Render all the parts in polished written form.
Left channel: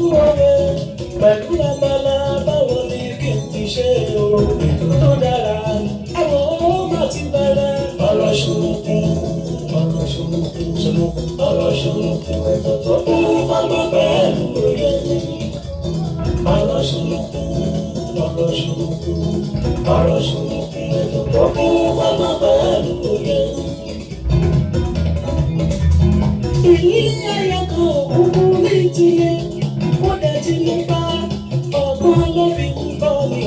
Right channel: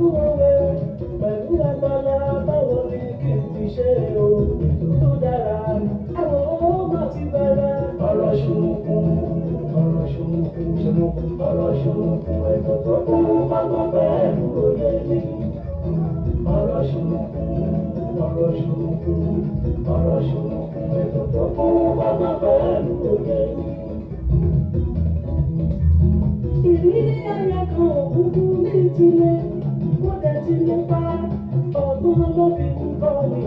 kú òwe pẹ̀lú abala báwo ni kí n ti ṣe o ètò tó dára àwọn ọmọ ti bẹ̀rẹ̀ ọ̀rọ̀ ṣùnùkùn ọ̀rọ̀ ṣùnùkùn ètò tó kún fọ́gbọ́n pẹ̀lú òye ọ̀rọ̀ ṣùnùkùn ètò tó kún fọ́gbọ́n pẹ̀lú òye. Ìrírí ayọ̀ kan òkúkú ní ìtìlẹ̀ ó dẹ̀ ti mú bá ọgbọ́n ló fi ń bọ́ ní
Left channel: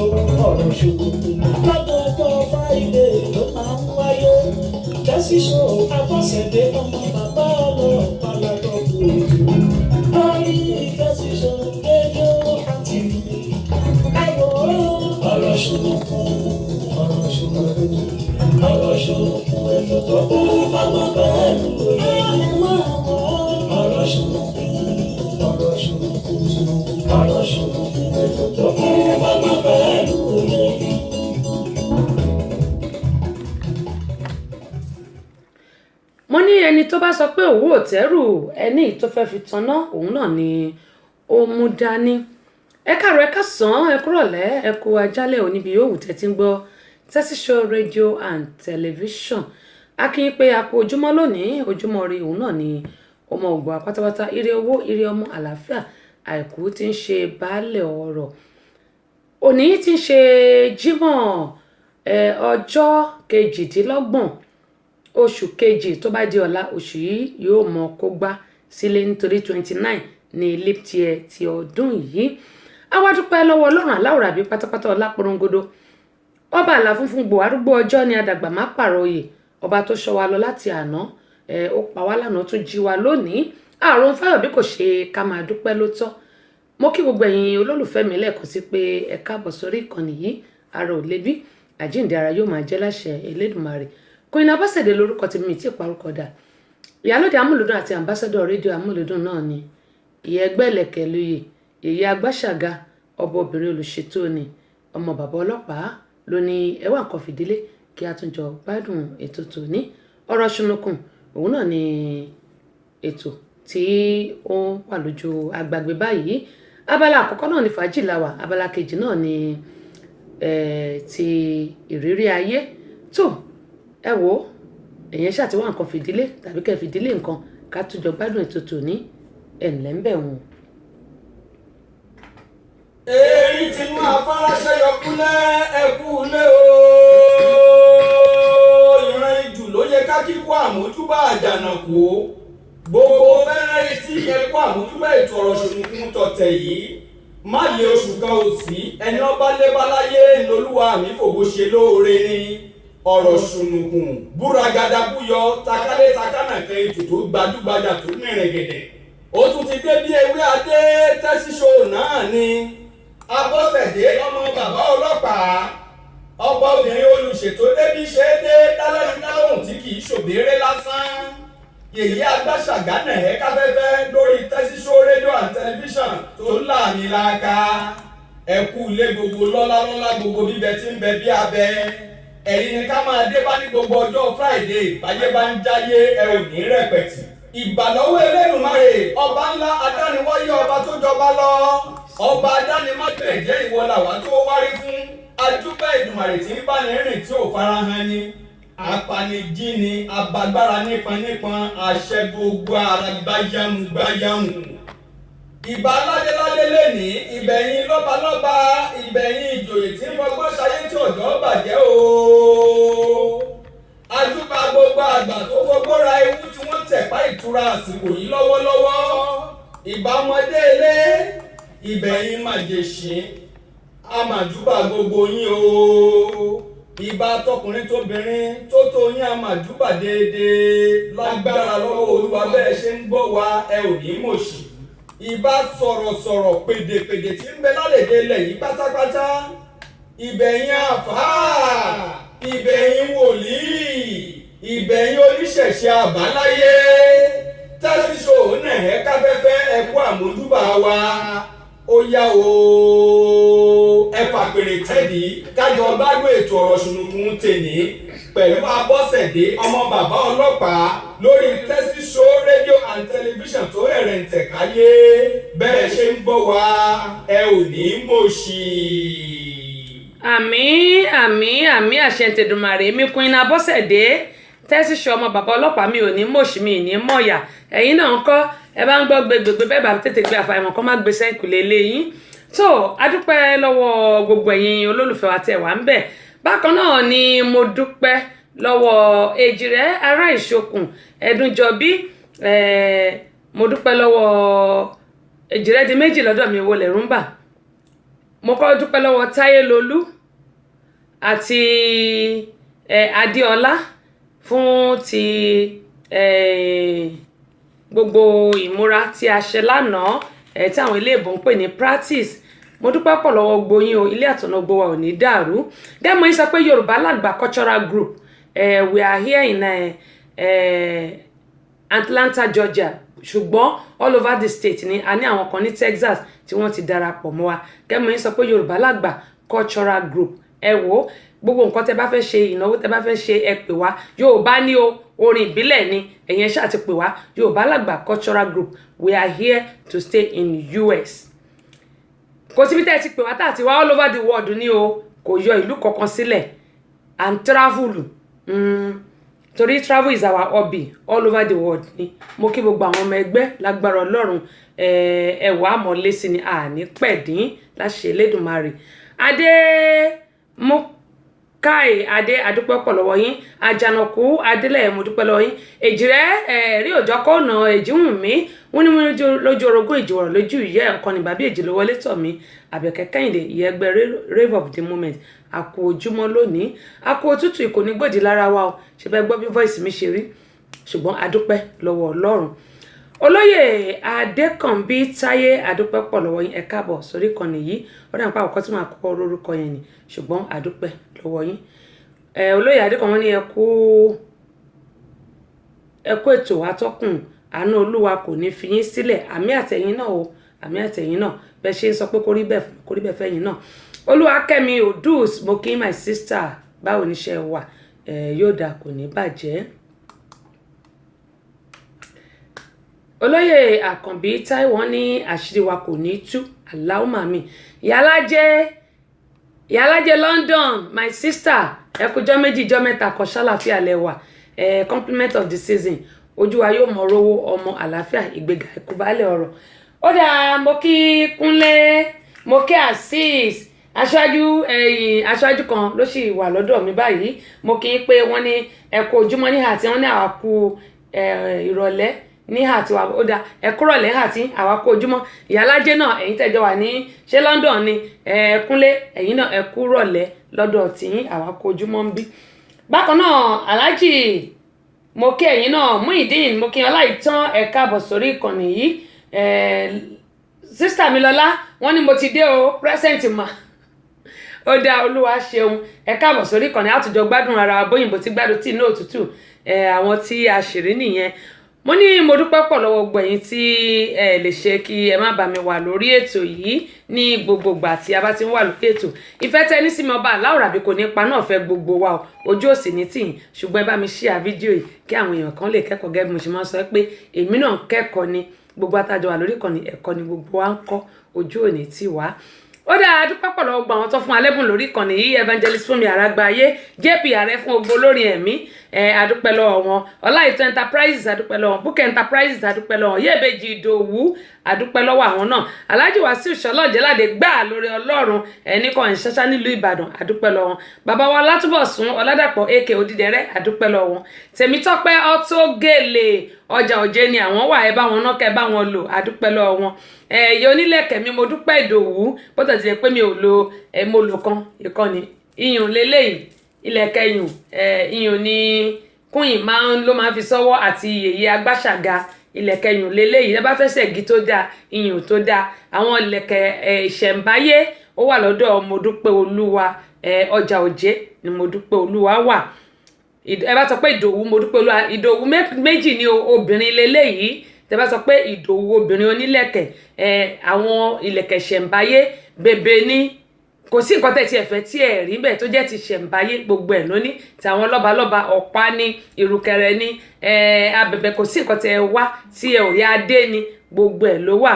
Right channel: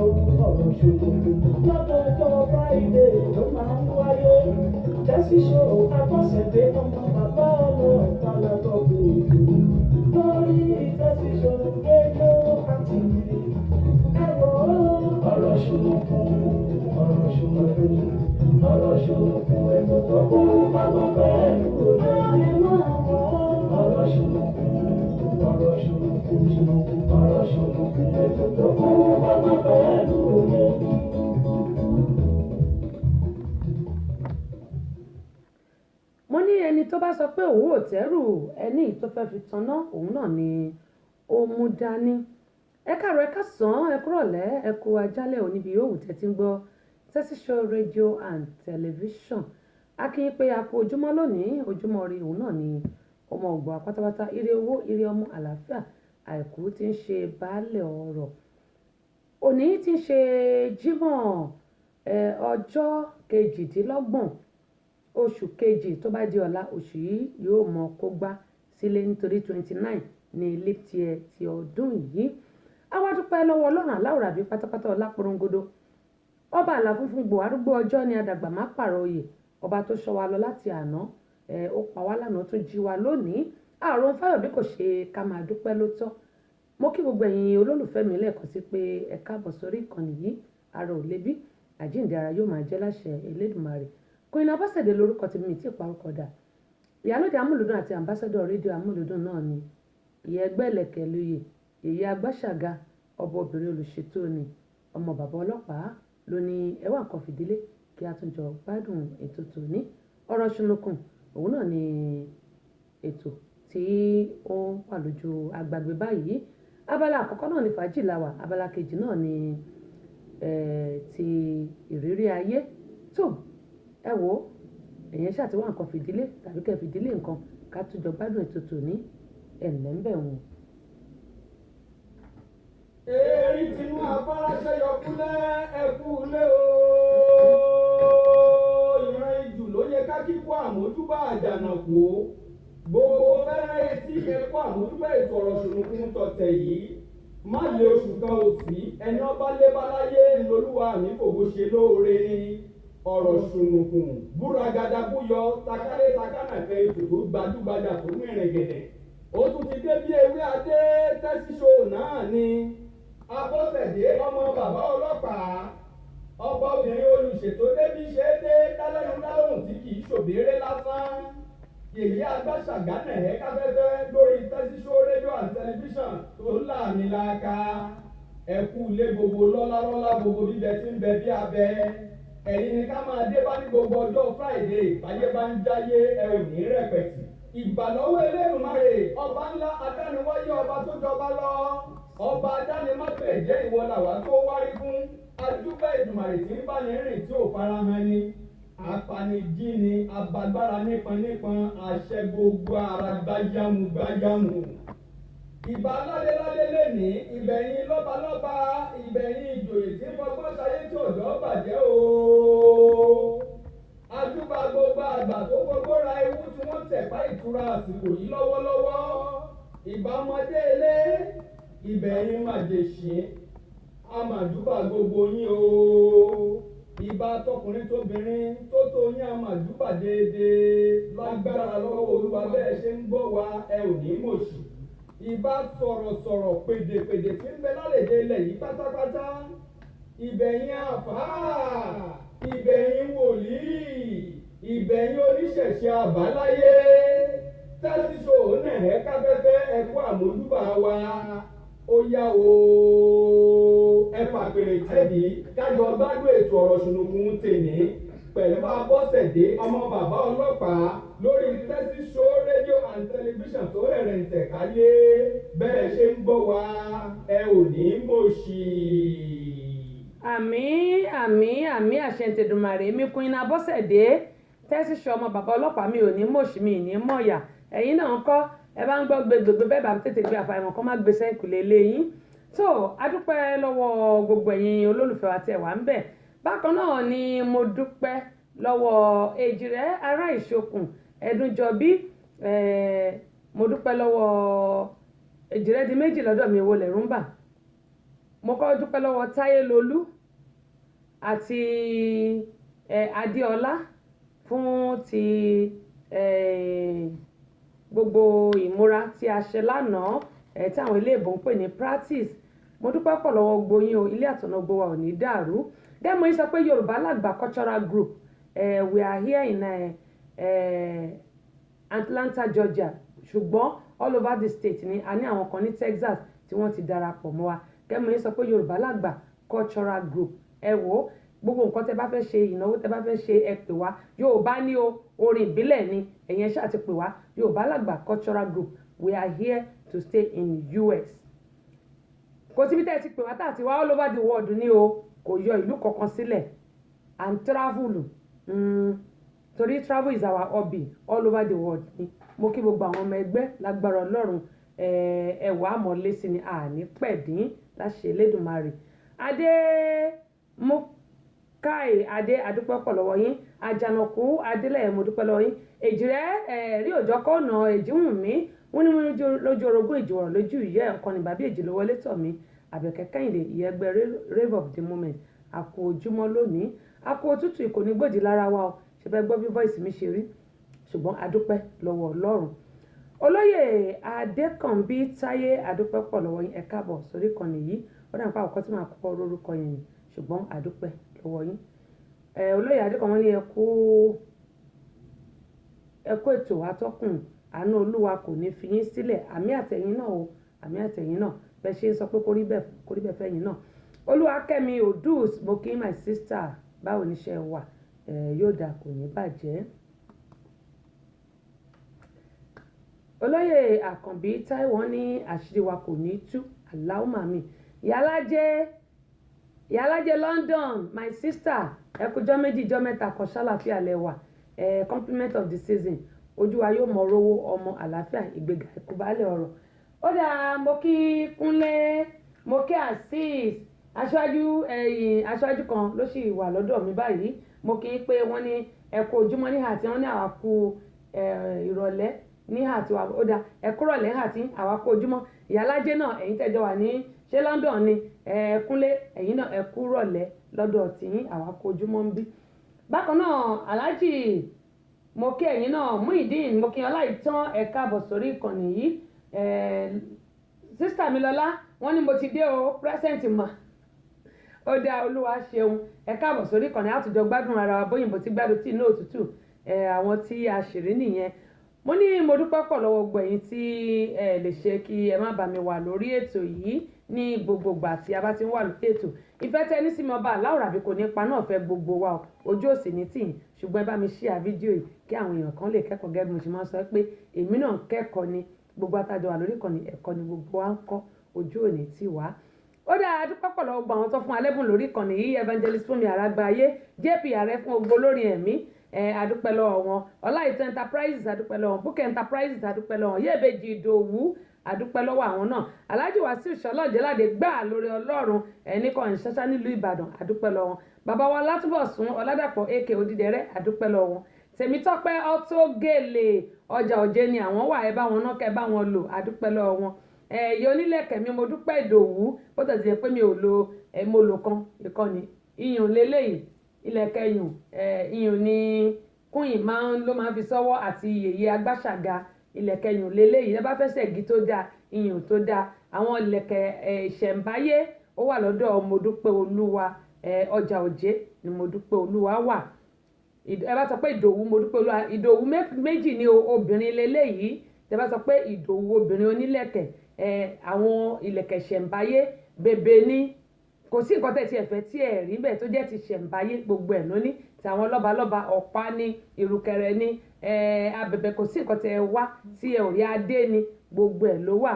ọ̀rọ̀ ṣùnùkùn lọ́dọọdọ Friday ló máa ń wáyé Jesse Show Abọ́sẹ̀dé ọmọ bàbá ọlọ́pàá lọ́dọọdún ètò lórí Jesse Show rédíò àti ẹ̀wọ̀ ọ̀rọ̀ ṣùnùkùn ètò tó kún fọ́gbọ́n pẹ̀lú òye ọ̀rọ̀ ṣùnùkùn ètò tó kún fọ́gbọ́n pẹ̀lú òye. mo ní ẹni tó bá sọ pé òun ò tẹ́rù ẹni tó fẹ́ fi tanná òun náà ni ó mú dání. ẹ káàárọ̀ ẹ káàsán ẹ kúrọ̀lẹ́ ẹ kú ajálẹ̀ oníbi yòówù tẹ́tí ń gbọ́ Jesse Show rédíò and tẹlifíṣàn. a kí i pé a kú ojúmọ́ lónìí ojúmọ́ rí òun náà ni ọmọ ògbà pátápátá ire owó ire ọmọ àlàáfíà àìkú tí ń ṣe baálẹ̀ ọ̀rọ̀. òní tí ń ṣe Jímọ̀ ọjọ́ kejìdínlọ́gbọ̀n oṣù kejì tó bá di ọ̀la oṣù yìí yóò mọ kó gbá sílé nítorí 29 ní leap year ti ọdún yìí. a wá dúpẹ́ lọ́wọ́ Ọlọ́run aláwòrán àbí pátápátá ọláporongodo ọba àlà funfun gbò arúgbó ọjọ́ ni àdàgbà má pààrọ̀ oyè ọba tó ṣọ́ wa lọ láti àná ó pa wá lánàá tó jí wa lónìí àrùn fáyọ̀ bí kò ṣe ká máa dúpẹ́ ló tọ́. mo kí gbogbo ẹ̀yin olólùfẹ́ mi lẹ́ẹ̀kan sí pé ẹ káàbọ̀ sórí ìkànnì yìí ara ò lébi àjíǹde ara yóò máa jẹ́ láṣẹ Elédùmarè. Queen Abọ́sẹ̀dé lórúkọ tí mi ti parúkọ dà ìyálóde amúlùdún àti ambassador rédíò amúlùdún náà ni ìyá ẹgbẹ́ ẹlẹ́kẹ̀ lóye ìyá agbáṣàga ọba obìnrin olùṣètò ni ọmọ bàbá ọlọ́pàá ló ní ẹwà nǹkan fìdílé kí a tún jọ gbádùn ètò tòní ọ̀rọ̀ ṣùnùkùn òun náà ni ètò tí ó ń wà lójú agbègbè báyìí. abala àkọ́kọ́ náà ni fàájì làwà abala kejì náà ni ti ìrírí ayé tó ẹ wò ó èyàn ṣàtiwá nǹkan fìdílé tàbí kẹ́ fìdílé nǹkan ká tún jọ gbádùn ètò tòní ẹ̀ǹlẹ́ ń bẹ̀ wọ́n. èyí tí máa faraṣẹ́ yọkúlẹ̀ ẹ̀kú lé o ìran ìjù ló yẹ ká kíkó àmójúbà àjànàkú gbogbo fẹ́rẹ́ etí ẹ̀kọ́ àmójúbà ètò ọ̀rọ̀ ṣùnùkùn tọ̀tẹ̀ yìí má lé oṣù kan ò sí ẹni ọba lébáláyé ńlọlúwa mi fògo ṣe lóore ni ọ̀rọ̀ ṣùnùkùn búragada búyọ takálé takánà kan ètò tó gbajúgbajà tó mìíràn gẹ̀dẹ̀ ó tún ti dé bí ewé adé Jesse Show náà ni Abọ́sẹ̀dé ọmọ bàbá ọlọ́pàá ọba obìnrin olùṣètò débi ṣe é dé dálẹ́nu dálóhùn tí kì í ṣòbéèrè lásán yèyí agbáṣàgánà ẹ̀ káfẹ́fẹ́ lórí Jesse Show rédíò and tẹlifíṣàn tó láàmì láàka ẹ̀kú ilé gbogbo lọ́lá gbogbo bíbẹ tí ń bẹ bí abẹ ẹ̀yin ni ká máa dé bá ní gbogbo ọjọ́ Friday báyé bá ń jáyé ẹ ò ní rẹpẹ̀tì. ìbàlọ́wọ́ Elédùmarè ọba ńlá adániwáyé ọba tó jọba lọ ọba adánimágbẹ̀jẹ́ ìwọ làwa tó wárí fún ajúbà Èdùmàrè tí ń bá ní rìn tí ò farahàn ni apanijí ni abagbára nípọn àṣẹ gbogbo ara gbáyàmù. ìbà ládéládé lẹ́ni ìbẹ̀yìn lọ́balọ́ba ìbẹ̀yìn ìjòyè tí ń fọgbọ́n ṣayé tí ọ̀dọ́ bàjẹ́ o. ajúbà gbogbo àgbà tó fọgbọ́n ra ewu tí wọ́n tẹ̀pá ìtura àsìkò yìí lọ́wọ́lọ́wọ́. ìbà ọmọdé ilé ìbẹ̀yìn màjèṣín àmàjúbà gbogbo yín o. ìbà tọkùnrin tóbìnrin tó tó yín àmàjúbà déédéé lágbára lọ́wọ́ Olúwa bẹ́ẹ̀ ṣe ń gbọ́ wa ẹ ò ní mọ̀ṣì. ìbá sọ̀rọ̀sọ̀rọ̀ pèdèpèdè tí ń bẹ lálẹ́dẹ̀ ilẹ̀ yìí pátápátá ìbẹ̀yìn àfáà ìbẹ̀yìn wòlíì ìbẹ̀yìn oníṣẹ̀ṣe àbáláyé Jesse Show náà ẹ̀ káfẹ́fẹ́ ẹ̀kú àmójúbà wa ó yá o ẹ fàpèrè tẹ́dí kájọ gbádùn ètò ọ̀rọ̀ ṣùnùkùn tèní pẹ̀lú Abọ́sẹ̀dé ọmọ bàbá ọlọ́pàá lórí Tẹ́sí Show rédíò and tẹlifíṣàn tó rẹ̀rẹ̀ ń tẹ̀káyé bẹ́ẹ̀ ṣe ń gbọ́ wa ẹ ò ní mọ̀ọ́ṣì. àmín àmín àmín àṣẹ tèdùmàrè mi Queen Abọ́sẹ̀dé Tẹ́sí Show ọmọ bàbá ọlọ́pàá mi ò ní mọ̀ọ́ṣì mi ní mọ̀ọ́yà ẹ̀yin náà ń kọ́ ẹ bá ń gbọ́ gbẹgbẹgbẹ bẹ́ẹ̀ bá tètè gbé àfàìmọ̀ kọ́ má gbé sẹ́ńkùlé lẹ́yìn tó adúpẹ́ lọ́wọ́ gbogbo ẹ̀yin olólùfẹ́ wa tẹ̀ wá ń bẹ̀ bákan náà ni mo dúpẹ́ lọ́wọ́ Èjìrẹ́ ará Ìṣokùn Ẹ̀dúnjọbí mo dúpẹ́ lọ́wọ́ Èjìrẹ́ di méjì lọ́dọ̀ mi wo lẹ̀rú ń bà mo kọ́ dúpẹ́ lọ́wọ́ Táyélolú àti Adéọlá fún ti gbogbo ìmúra tí a ṣe lánàá tí àwọn ilé ìbò ń pè ní practice mo dúpẹ́ pọ̀ lọ́wọ́ gboyin o ilé àtọ̀nà gbogbo wa ò ní dàrú dẹ́mọ̀ yín sọ pé Yorùbá Lágbà cultural group we are here in Atlanta Georgia ṣùgbọ́n all over the state ni a ní àwọn kan ní Texas tí wọ́n ti darapọ̀ mọ́ wa dẹ́mọ̀ yín sọ pé Yorùbá Lágbà cultural group ẹ wò gbogbo nǹkan tẹ bá fẹ́ ṣe ìnáwó tẹ bá fẹ́ ṣe ẹ pè wá Yorùbá ní o orin ìbílẹ̀ ni ẹ̀yin ṣáà ti pè wá Yorùbá Lágbà cultural group we are here to stay in US kò síbi tẹ́ ẹ ti pè wá tá àti wá all over the world ní o kò yọ ìlú kankan sílẹ̀ and travel torí travel is our hobby all over the world ni mo kí gbogbo àwọn ọmọ ẹgbẹ́ lágbára Ọlọ́run ẹ̀wà àmọ́lé sí ni àní pẹ̀dín láṣẹ Elédùmarè adé mo káì adé adúpẹ́ pọ̀ lọ́wọ́ yín àjànàkú adélẹ̀ mo dúpẹ́ lọ́wọ́ yín Èjìrẹ́ rí òjọ́ kọ́nà Èjìwùnmí wọ́n ní mo lójú orogún ìjòrò lójú ìyẹ́ ọ̀kan ní bàbí èjì ló wọlé tọ̀ mí Àbẹ̀kẹ́ Kẹ́hìndé ìyẹ́ ẹgbẹ́ rave of the moment àkó ojúmọ́ lónìí àkó òtútù ìkò ní gbòdì lára wa o ṣe fẹ́ gbọ́ bí voice mi ṣe rí ṣùgbọ́n adúpẹ́ lọ́wọ́ Ọlọ́run olóyè Adékànbí Táyé adúpẹ́ pọ̀ lọ́wọ́ yín ẹ káàbọ̀ sórí ìkànnì yìí ó dà nípa àkọ́kọ́ tí màá kọ́kọ́ lórúkọ yẹn ni ṣùgbọ́n adúpẹ́ lọ́wọ́ yín olóyè Adékànbí ní ẹ kú ètò atọ́kùn àánú Olúwa kò ní fi yín sílẹ̀ àmì àtẹ̀yìn náà o àmì àtẹ̀yìn náà bẹ́ẹ̀ ṣe ń sọ pé kó rí bẹ́ẹ̀ fẹ́yìn náà Olúwakẹ́mi Odus mo kí my sister báwo níṣẹ́ wà yóò dà kò ní bàjẹ́. olóyè Àkànbí Táíwò ní àṣírí wa kò ní tú Allahumma mi ìyálájẹ London my sister ẹkùjọ́ méjì jọ́ mẹ́ta kan ṣàlàfíà lẹ́wà compliment of the season ojú wa yóò mọ rówó ọmọ àlàáfíà ìgbéga ìkúbálẹ̀ ọ̀rọ̀ ó dáa mo kí Kúnlé mo kí Azeez aṣáájú kan ló sì wà lọ́dọ̀ mi báyìí mo kí pé wọ́n ní ẹ̀kọ́ ojúmọ́ ní àti wọ́n ní àwàkù ìrọ̀lẹ́ ní àti wà ó dáa ẹ̀kúrọ̀lẹ́ àti àwàkù ojúmọ́ ìyálájẹ́ náà ẹ̀yin tẹ́jọ wà ní ṣé London ni Kúnlé ẹ̀yin náà ẹ̀kúrọ̀lẹ́ lọ́dọ̀ tìyín àwàkù ojúmọ́ ń bí bákan náà Alhaji mo kí ẹ̀yin náà Muideen mo kí Ọláìtàn ẹ káàbọ̀ sórí ìkànnì yìí sísítà mi lọ́lá wọ́n ní mo ti dé o present ma ó dá Olúwa ṣeun ẹ káàbọ̀ sórí ìkànnì àtújọ gbádùn ara bóyìnbó tí gbádùn tí inú òtútù àwọn tí a ṣèrí nìyẹn mo ní mo dúpẹ́ pọ̀ lọ́wọ́ gbẹ̀yìn tí ẹ lè ṣe kí ẹ má bá mi wà lórí ètò yìí ní gbogbogbà tí a bá ti ń wà lórí ètò ìfẹ́ tẹ́ ní sí mi ọba aláwòrán àbí kò ní pa náà fẹ́ gbogbo wa ojú òsì ní tìyìn ṣùgbọ́n ẹ bá mi share fídíò yìí kí àwọn èèyàn kan lè kẹ́kọ̀ọ́ gẹ́gẹ́ bí mo ṣe máa ń sọ pé èmi náà kẹ́kọ̀ọ́ ni gbogbo àtàjọ wà lórí ìkànnì ẹ̀kọ́ ni gbogbo wa ń kọ́ ojú òní tì wá ó dáa dúpẹ́ pọ̀ lọ́wọ́ gbọ́ àwọn tó fún alẹ́bùn lórí ìkànnì yìí evangelist Fúnmi Àràgbáyé JP ààrẹ fún gbogbo olórin ẹ̀mí adúpẹ́ lọ́wọ́ wọn Ọláìtàn enterprises adúpẹ́ lọ́wọ́ Bukka enterprises adúpẹ́ lọ́wọ́ Yèbèjì Ìdòwú adúpẹ́ lọ́wọ́ àwọn náà Alhaji Wasiu Ṣọlọ́ọ̀jẹ́ládé gbà lórí Ọlọ́run ẹnìkan ìṣẹ́ṣá nílùú Ìbàdàn adúpẹ́ lọ́wọ́ bàbá wa Látúbọ̀sún Ọládàpọ̀ AK Odídẹrẹ́ adúpẹ́ lọ́wọ́ Tèmítọ́pẹ́ Ọtógèlè ọjà òjé ni àwọn wà ẹ bá wọn náà kẹ bá wọn lò adúpẹ́ lọ́wọ́ wọn ẹ̀yẹ onílẹ̀kẹ̀ mi mo dúpẹ́ Ìdòwú bó tẹ̀ ti jẹ́ pé mi ò lo mo lò kan ìkànnì iyùn lélẹ́yìí ilẹ̀kẹ̀ iyùn ni kúnyìn ló máa fi sọ́wọ́ àti yèyé agbáṣàga ilẹ̀kẹ̀ iyùn lélẹ́yìí ẹ bá fẹ́ ṣẹ̀gí tó dáa iyùn tó dáa àwọn ilẹ̀kẹ̀ ìṣẹ̀ǹbáyé ó wà lọ́dọ̀ mo dúpẹ́ Olúwa ọjà òjé ni mo dúpẹ́ Olúwa wà ẹ bá sọ pé Ìdòwú mo dúpẹ́ Olúwa Ìdòwú méjì ni obìnrin lélẹ́yìí tẹ bá sọ pé Ìdòwú obìnrin onílẹ̀kẹ̀ àwọn ìlẹ̀kẹ̀ ṣẹ̀ǹbáyé bèbè ní kò sí nǹkan tẹ̀ tí ẹ fẹ́ tí ẹ rí bẹ́ẹ̀ tó jẹ́ ti ṣẹ̀ǹbáyé gbogbo ẹ̀ lóní tàwọn lọ́balọ́ba ọ̀pá ní ìrùkẹ̀rẹ̀ ní abẹ̀bẹ̀ kò sí nǹkan tẹ̀ wá tí ẹ ò rí adé ní gbogbo ẹ̀ ló wà.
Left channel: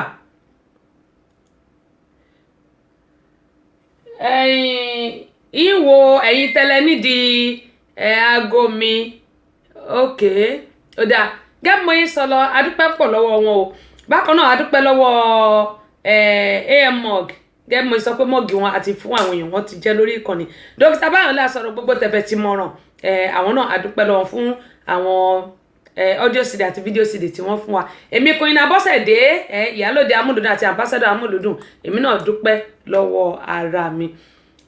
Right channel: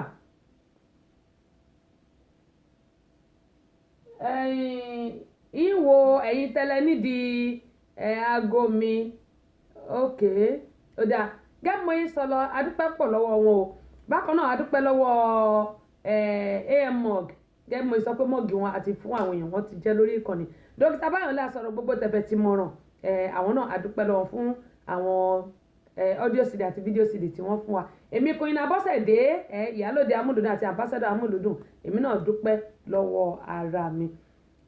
ìwò ẹ̀yin tẹ́lẹ̀ nídìí aago mi òkè ó dáa gẹ́gẹ́ mo yín sọ lọ adúpẹ́ pọ̀ lọ́wọ́ wọn o bákan náà adúpẹ́ lọ́wọ́ AMOG gẹ́gẹ́ mo sọ pé mọ́ọ̀gì wọn àti fún àwọn èèyàn wọn ti jẹ́ lórí ìkànnì dókítà Báyọ̀lá sọ̀rọ̀ gbogbo tẹ̀fẹ̀ ti mọ̀ràn àwọn náà adúpẹ́ lọ́wọ́ fún àwọn audio cd àti video cd tí wọ́n fún wa èmi Queen Abọ́sẹ̀dé ìyálòde amúlùdùn àti ambassador amúlùdùn èmi náà dúpẹ́ lọ́wọ́ ara mi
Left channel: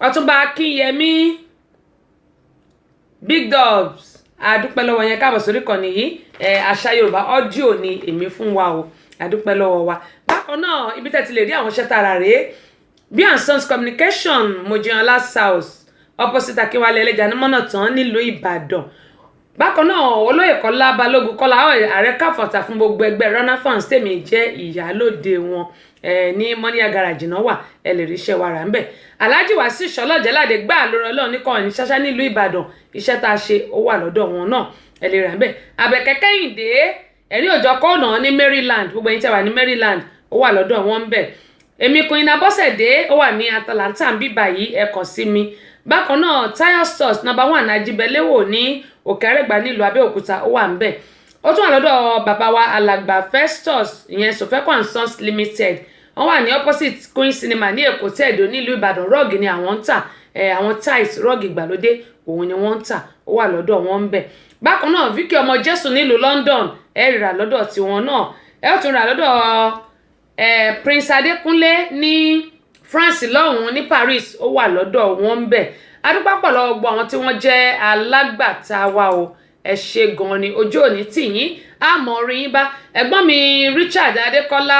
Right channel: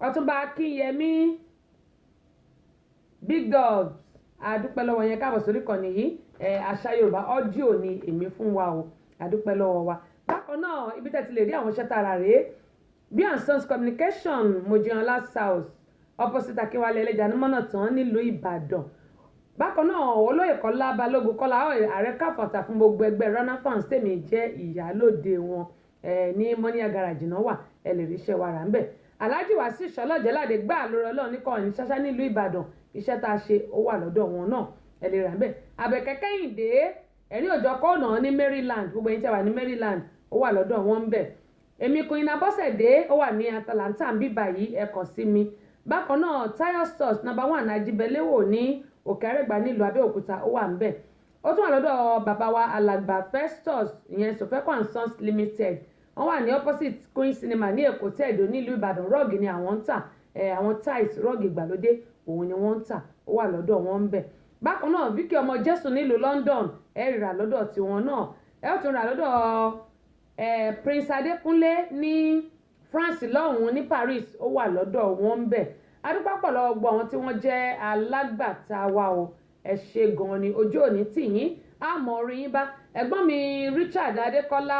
Ọ̀túnba Akínyẹmí Big Dogs adúpẹ́ lọ́wọ́ yẹn káàbọ̀ sórí ìkànnì yìí àṣà Yorùbá audio ni èmi fún wa o adúpẹ́ lọ́wọ́ wa bákan náà ibi tẹ́ ti lè rí àwọn iṣẹ́ tààrà rèé B&Sons Communication Mojíọlá South opposite Akínwálé ẹlẹ́jà ní mọ́nà tán nílùú Ìbàdàn bákan náà olóyè Kọ́lá Balógun Kọ́lá ààrẹ káfọ̀tà fún gbogbo ẹgbẹ́ runner fans tèmi jẹ́ ìyálòde wọn ní mọ́níyà garage náà wà ẹ lè rí iṣẹ́ wa rà ń bẹ̀ Alhaji Wasiu Ṣọlọ́jẹ́ládé gbà lórí Ọlọ́run ní kọ́ni ṣáṣá nílùú Ìbàdàn iṣẹ́ tá a ṣe ó wà lọ́dọ̀ wọn náà ẹ lè rà ń bẹ̀ Àbẹ̀kẹ́ Kẹ́hìndé ẹ̀rín òjò kọ́ọ̀nà ní Maryland gbogbo ẹ̀yin tẹ́ wà ní Maryland ó wà lọ́dọ̀ wọn ń bẹ̀ èmi Queen Abọ́sẹ̀dé ó wà ní Atlanta ń bíbà yìí ẹ kàn sí mi bákan náà Tayo Stores #1 Ajibẹlẹ́wò ní Òkè Àrẹ́gbá nílùú Abẹ́òkúta ó wà ń bẹ̀ ó tún wà lọ́dọ̀ bàbá wa Alàgbà Festus ìyẹn Sofeco and Sons Limited wọ́n wà ní opposite Queen Cinema ní Èkó tẹ̀dó nílùú Ìbàdàn rọ́ọ̀gì ni àwọn ń tà àwọn tiles rọ́ọ̀gì ìgbàlódé òun ni wọ́n ń tà ó wà lọ́dọ̀ wọn ń bẹ̀ bákan náà Vicky ọmọ Jésù nílùú London ẹ rà lọ́dọ̀ tiwọn náà ẹ ó tún rà lọ́dọ̀ Prince Adékúnlé ní France lọ́hùn-ún ní Paris ó wà lọ́dọ̀ wọn ń bẹ̀ adúpẹ́ pọ̀ lọ́wọ́ gbogbo àwọn tí wọ́n jẹ́ alágbàtà wa o ẹ ṣé gan ni ojú òní tì yín àmọ́ orí yín bá ẹ̀gbọ́n mi Richard Adékọ́lá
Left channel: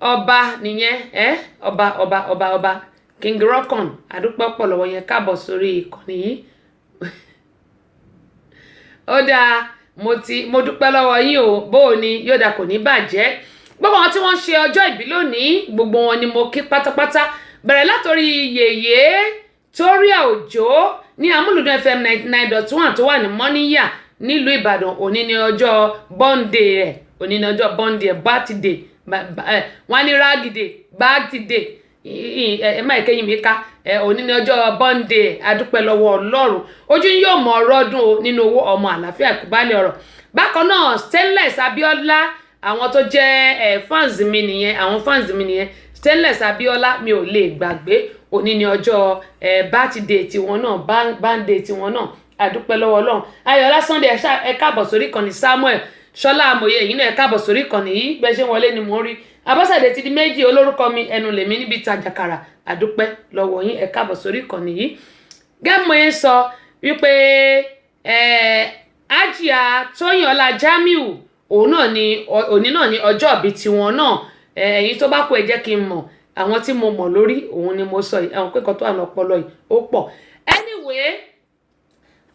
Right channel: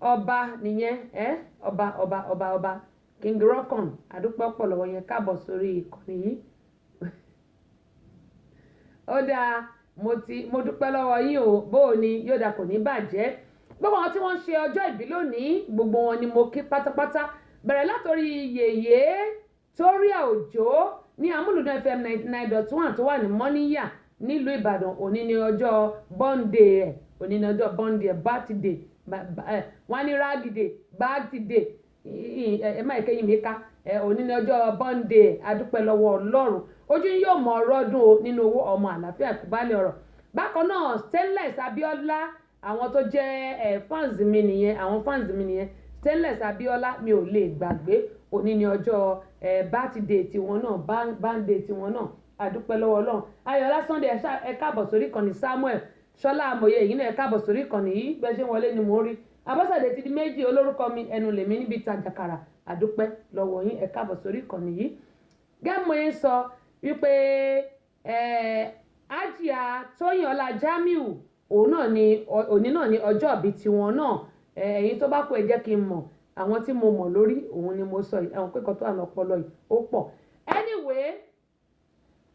ọba nìyẹn ọba King Rockon adúpẹ́ pọ̀ lọ́wọ́ yẹn káàbọ̀ sórí ìkànnì yìí ó dáa mo dúpẹ́ lọ́wọ́ yín o bóò ni yóò dà kò ní bàjẹ́ gbogbo àwọn tí wọ́n ń ṣe ọjọ́ ìbí lónìí gbogbo wọn ni mo kí pátápátá bẹ̀rẹ̀ látòrí yèyé Toria Òjó ní Amúlùdún FM 99.1 tó wà ní Mọ́níyà nílùú Ìbàdàn òní ni ọjọ́ bọ́ǹdè ẹ̀ òní ni ọjọ́ bọ́ǹdè ẹ̀ bátìdè wọ́n ní rágìdè bátìdè ẹ má ìkẹyìn mi ká òní ni ọjọ́ bọ́ǹdè adúpẹ́ lọ́wọ́ Ọlọ́run ojú yóò mọ ọ̀rọ̀ dùn o nínú owó ọmọ àlàáfíà ìkúbálẹ̀ ọ̀rọ̀ bákan náà Stainless Abíọ́lá àwọn tó jẹ́ fans mi nìyẹn Stainless Abíọ́lá mi ò lè gbàgbé òní ni ọjọ́ birthday tiwọn náà birthday tiwọn náà adúpẹ́ lọ́wọ́ Ọlọ́run Ayọ̀lá Sunday ẹ káàbọ̀ sórí ìkànnì Samuel Ṣọlá Amòye èyí náà ẹ káàbọ̀ sórí ìkànnì yìí bẹ́ẹ̀ ṣe wọlé ni mò ń rí Abọ́sẹ̀dé ti di méjì olórúkọ mi ẹnu lèmi níbi ìtajàkàrà àdúpẹ́ lọ́wọ́ yín ẹ káàbọ̀ sórí ìkànnì yìí gẹ́mọ̀ yẹn sọ wípé Àjíà Tóyìn Ọlá Jamiu òun náà ni òní náà ni ọjọ́ ìbí tiwọn náà ẹ̀yin tó bá kú ẹ jẹ́ kí n mọ̀ àwọn tí mo mọ̀ lórí òun ni mo sọ yìí àwọn pẹ́kọ̀ọ́ tó àná ọpọlọ yìí ó pọ̀ anyway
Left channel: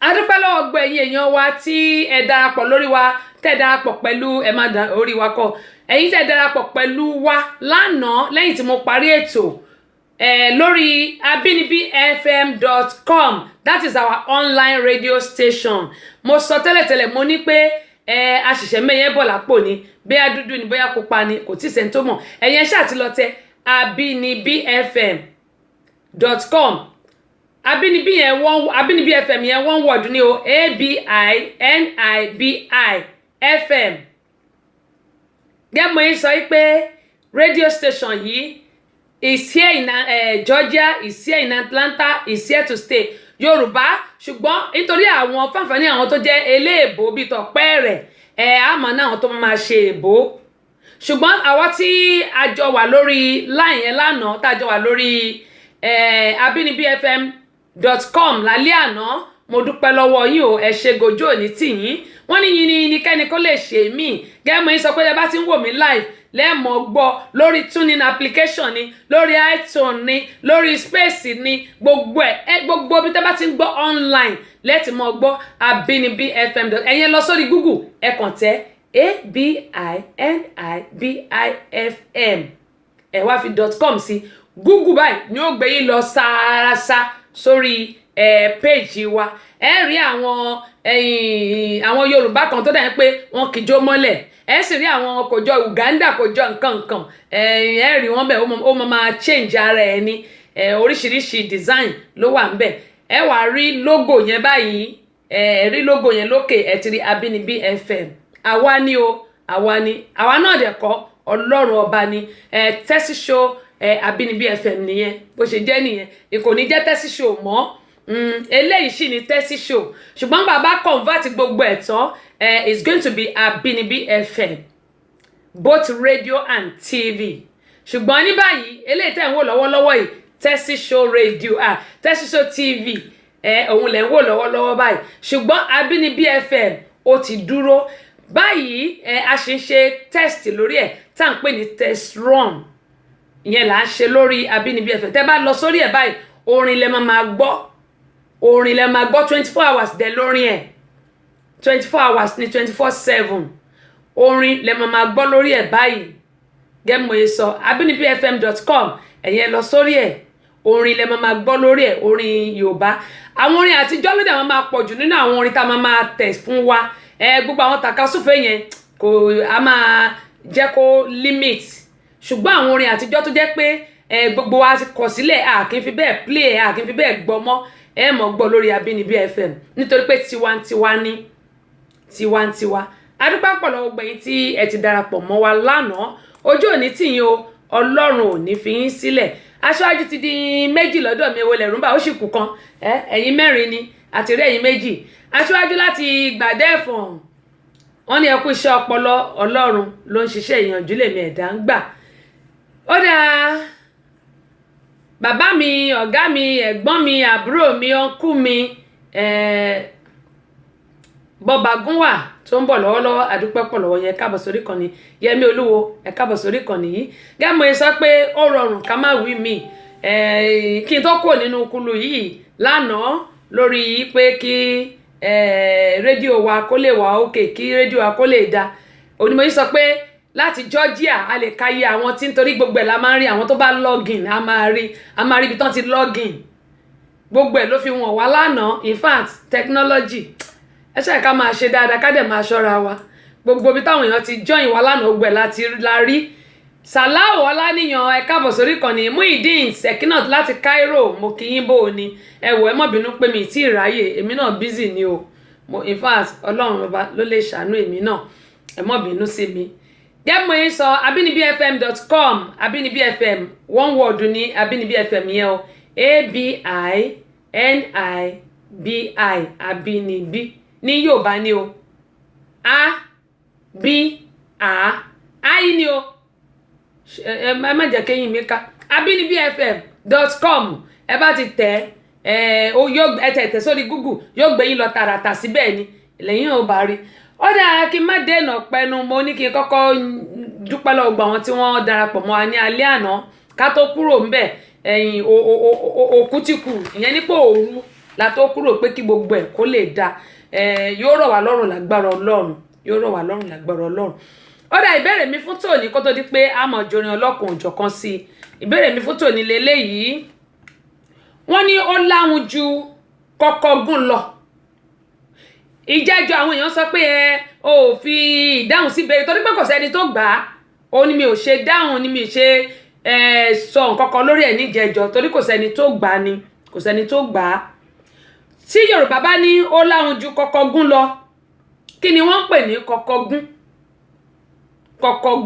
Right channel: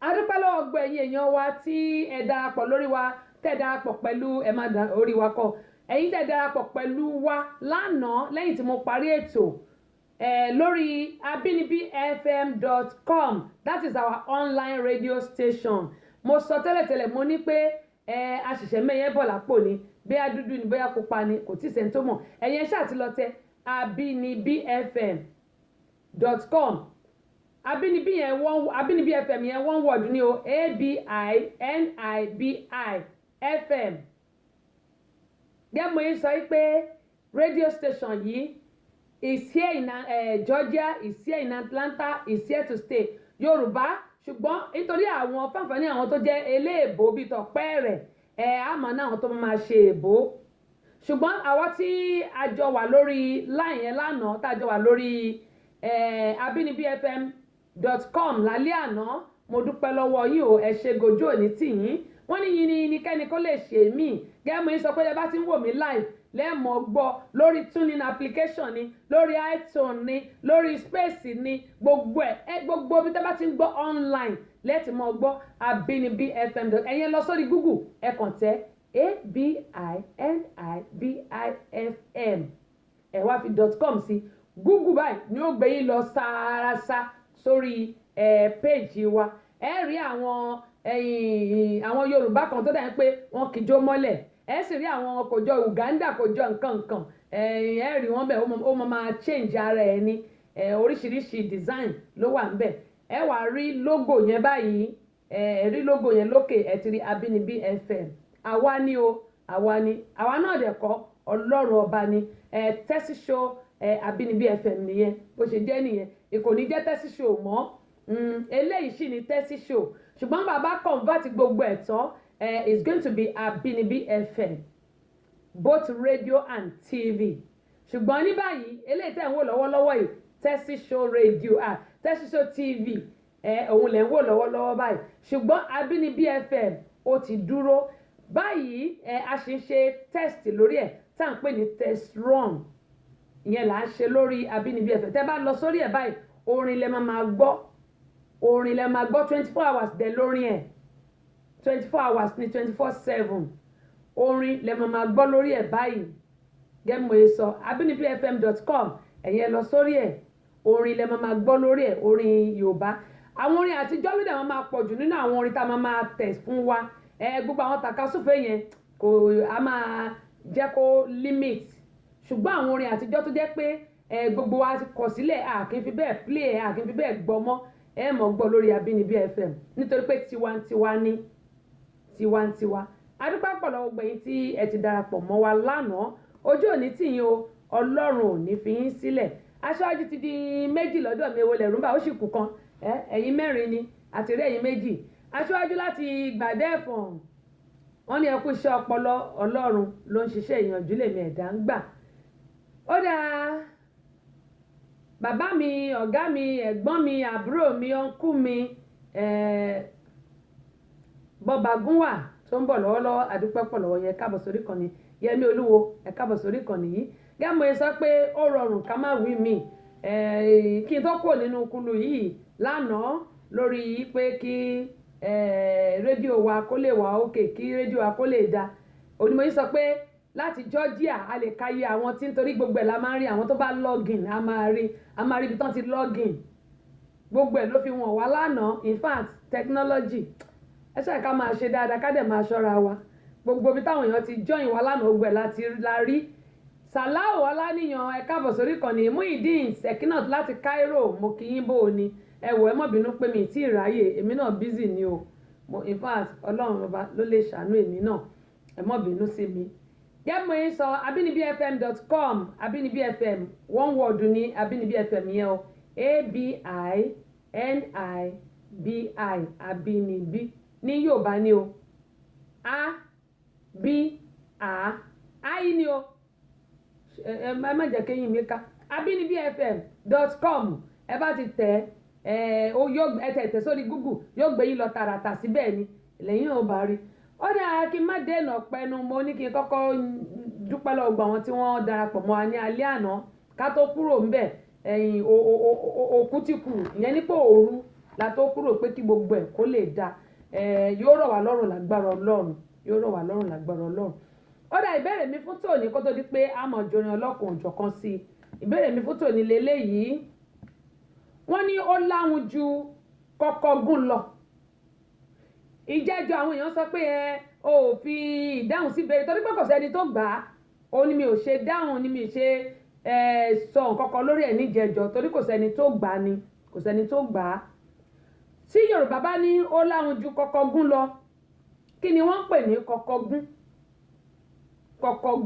adúpẹ́ lọ́wọ́ gbọ́ ẹ̀yin èèyàn wa tí ẹ darapọ̀ lórí wa tẹ́ darapọ̀ pẹ̀lú ẹ má da orí wa kọ ẹ̀yin tẹ́ darapọ̀ pẹ̀lú wa lánàá lẹ́yìn tí mo parí ètò lórí abinibifm.com that is our online radio station mo sọ tẹ́lẹ̀tẹ́lẹ̀ mo ní pé àṣìṣe mẹ́yẹ́ bọ̀ lápò ni bóyá dúdú ni bóyá pupa ni kò tí ì sẹ́ni tó mọ̀ ẹ̀yin ṣáà ti lọ tẹ abinibifm.com abinibi fm yẹn one word ni o ABINIBI FM gẹ́gẹ́ yín sọ pé radio station yìí is here in Georgia is here in Atlanta is here to stay Yorùbá ṣùgbọ́n nítorí àwọn fáǹfààní àwọn tó jẹ́ eléèbó bíi tọ̀pẹ́ rẹ̀ àmọ́ náà àwọn tó máa ṣe èbó ṣùgbọ́n àwa tí a jọ wà lórí line yẹn lánàá tá a jọ wà lórí abinibifm.com lálẹ́ àná mo dúpẹ́ lọ́wọ́ yín o ẹ ṣe gòjó òní tì yín wọ́n ní yín ní kẹ́ni kó lè ṣe mí gẹ́gẹ́ mo yín sọ pé ẹ bá ti ń wò mí live lẹ́ẹ̀mọ́ gbọ́ lórí tuning application ni lórí iTunes ni lórí space ni gbogbo gbogbo bí tẹ́ bá ti ń gbọ́ online lẹ́ẹ̀tì mọ́ gbọ́ abinibifm ẹ̀yẹn lọ sórí Google ẹ kàn tẹ́ ABINIBIFM ẹ wá fi .com sí Google báyìí ni ó gbé yín lọ sáárásá sórí péèjì wa ẹ rí àwọn Yorùbá kan tó dà pé wọn kì í jó mọ́lẹ̀ ẹ sì rí àwọn kò jọ Uganda kò jọ nǹkan ẹ rí wọn bẹ́ẹ̀ ó máa change ara ẹ ní oríṣiríṣi design ló wà ńbẹ̀ ẹ wá rí logo yẹn báyìí ẹ rí logo yẹn lókè ẹ ti rí Abínibí FM àwa ni àwa náà dẹ̀ kọ́ Ọlọ́run ọba ni Tessy Show Abínibí FM nìyẹn bó ṣe jẹ́ nìyẹn kò ní jẹ́ Tessy Show mọ́ eléyìí sì ni Tessy Show ṣùgbọ́n bàbá convert gbogbo ẹ̀ tán it's going to be Abínibí FM both radio and TV ṣùgbọ́n ní báyìí eléyìí tẹ̀ ń wò lọ́wọ́lọ́wọ́ yìí Tessy Show radio Tessy Show TV òun lẹ̀ ń wò lọ́wọ́lọ́wọ́ báyìí ṣùgbọ́n Abínibí FM ó ti dúró báyìí a ṣe ń ṣe test lórí ẹ̀ tá à ń pè ní test run ìyẹn là ń ṣe lórí Abínibí FM tẹ́ bá lọ sórí ẹ̀ báyìí orin lẹ máa gbọ́ 24 hours dẹ̀ lórin ẹ̀ 24 hours ní 24/7 orin lẹ máa gbọ́ lórí ẹ̀ báyìí gẹ́mọ̀ ẹ sọ abinibifm.com ẹ̀yẹn lọ sórí ẹ̀ orin lẹ máa gbọ́ lórí ẹ̀ orin Yorùbá àwọn orin àtijọ́ ló dẹ̀ máa pọ̀ jù nínú àwọn orin tá a máa tẹ̀ fún wa gbogbo àwọn tàkasúfèé yẹn kò a máa jẹ́ kó limit ṣùgbọ́n àwọn orin àtijọ́ tó jẹ́ pé gbogbo wa ti kọ̀ sílẹ̀ a kì í fi bẹ́ẹ̀ play a kì í fi bẹ́ẹ̀ gbọ́ mọ́ ẹ mọ̀ gbọ́ lórí Abínibí FM nítorí pé tiwantiwa ní tiwantiwa adúpẹ́ pọ̀ lọ́wọ́ gbẹ̀yìn tí ẹ ti darapọ̀ mọ́ wa lánàá ojú òní tìyín o Ọlọ́run ò ní fi yín sílẹ̀ aṣáájú ti di méjì lọ́dọ̀ mi ewolẹ̀ rúmbà ó sì kù kan ẹ̀yin mẹ́rin ni àti rí ẹ̀yin méjì aṣáájú láti Gbàdẹ́fọ̀n wọ́n ní ẹ kú iṣẹ́ ọpọlọ Ọlọ́run ló ń ṣiṣẹ́ ìyànjú lèmi ẹ̀dá ń gbà ó dáa bàbá mi ọ̀gá mi ẹ̀gbọ́n mi àbúrò mi ọ̀nkú mi bọ́ba gúnwà tó ń bọ̀ lọ́wọ́lọ́wọ́ àdúpẹ́ pọ̀ lọ́wọ́ yẹn káàbọ̀ sórí kan ní Yẹmí Olúwo ẹ káàbọ̀ sórí kan nìyí gẹ́gẹ́ sọ pé ó rọrùn ká má wí mi kí n tó kúrò nínú kulu yìí lánàá lórí pé kí rédíò wa kó lè wà òkè kí rédíò wa kó lè da onímọ̀ yìí sọ pé láti Georgia a lè ka iye àwọn tí nítorí gbogbo ẹ̀ la máa ń rí àwọn tó bá login a máa rí ibi tán ti login gbogbo ẹ̀ ló fi wọ̀n wá lánàá in fact technology ẹ ṣe ká máa ṣe dáadáa ká dẹ̀ máa ṣọ́ra wa gbogbo ibi táwọn èèyàn ti join wa lánàá gbogbo ẹ̀ láti la rí Sàláwò Ọláníyan ẹ káàbọ̀ sórí ìkànnì Muideen Sekinat láti Cairo mo kí yín bò ó ni ẹ wò ẹ má bínú pé mi tí ì ráyè èmi náà busy ni o in fact Ọlọ́run ọba ló lè ṣàánú èmi náà ẹ má bínú sí mi gẹ́gẹ́ mo yín sọ abinibifm.com Abínibí FM one word ní Abínibí FM yẹn o ABINIBI Abínibí ní Yorùbá ni o I ni o ẹ má jẹ́ kéyìn mi ká abinibifm.com ẹ bá ti tẹ̀ ẹ tẹ̀ sórí Google yóò gbé yín lọ tààràtà síbẹ̀ ni lẹ́yìn ò bá rí ó dáa kí n má dènà pẹnu mo ní kí n kọ́kọ́ dúpẹ́ lọ́wọ́ gbà wọn tí wọ́n darapọ̀ mọ́ wa ní alẹ́ àná ká tó kúrò ńbẹ̀ ẹ̀yìn òkú ti kù ìyẹn nípò òru la tó kúrò pé kí gbogbo ẹ̀ kó lè da yóò rọ̀ wá lọ́rùn lágbára Ọlọ́run yóò rọ̀ wá lọ́rùn lágbára Ọlọ́run ó dáa ìbéèrè mi fún tòní kó tó di pé a mọ̀ jorin ọlọ́kùn òjọ̀kan sí i ìbéèrè mi fún tòní lélẹ́yìí wọ́n ní ó láhùn ju kọ́kọ́ gún lọ ìjẹ́jọ́ àwọn èèyàn sọ pé ò fi ìdáhùn sí ìbéèrè torí pé kò sẹ́ni tó gbà á ó ní mi ò ṣe dáhùn ní mi ò ṣe sọ nǹkan kan lórí ẹ̀ níjẹ́jọ́ torí kò sẹ́ni tó gbà á ni kò sẹ́ni tó gbà á tí Yorùbá bá ní ó láhùn ju kọ́kọ́ gún lọ kí ni wọ́n ń pè ní kọ́kọ́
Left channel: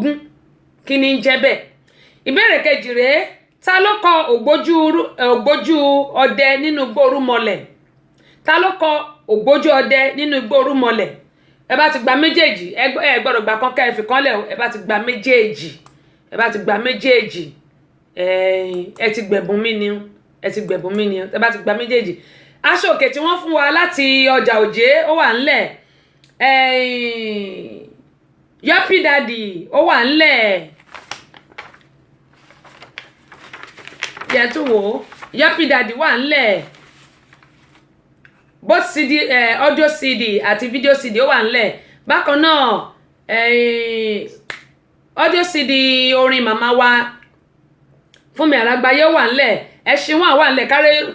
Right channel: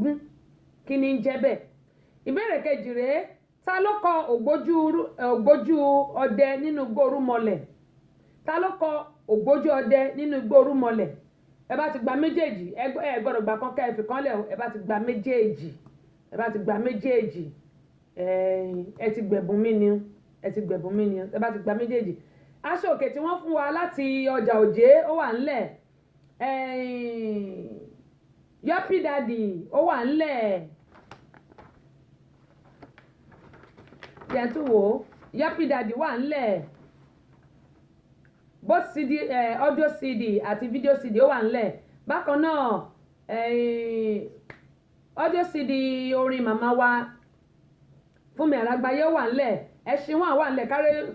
gún kí ni ń jẹ́ bẹ́ẹ̀ ìbéèrè kejì rèé ta ló kọ ògbójú ọdẹ nínú igbó Orúmọlẹ̀ ta ló kọ ògbójú ọdẹ nínú igbó Orúmọlẹ̀ ẹ bá ti gba méjèèjì ẹ gbọ́dọ̀ gbà kan kẹfì kan lẹ̀ ẹ bá ti gba méjèèjì ẹ ti gbẹ̀bùn mí ni ẹ bá ti gba méjèèjì aṣọ òkè tí wọ́n fún wa láti ọjà òjé ó wà ńlẹ̀ Yappy Daddy ó wà ńlẹ̀ yẹn tún wò ó Yappy Daddy wà ńlẹ̀ both CD audio CD àti video CD ó wà ńlẹ̀ bákan náà audio CD orin màmá wa Fúnmi Àràgbáyé ó wà ńlẹ̀ ẹṣin wọn wà ńlẹ̀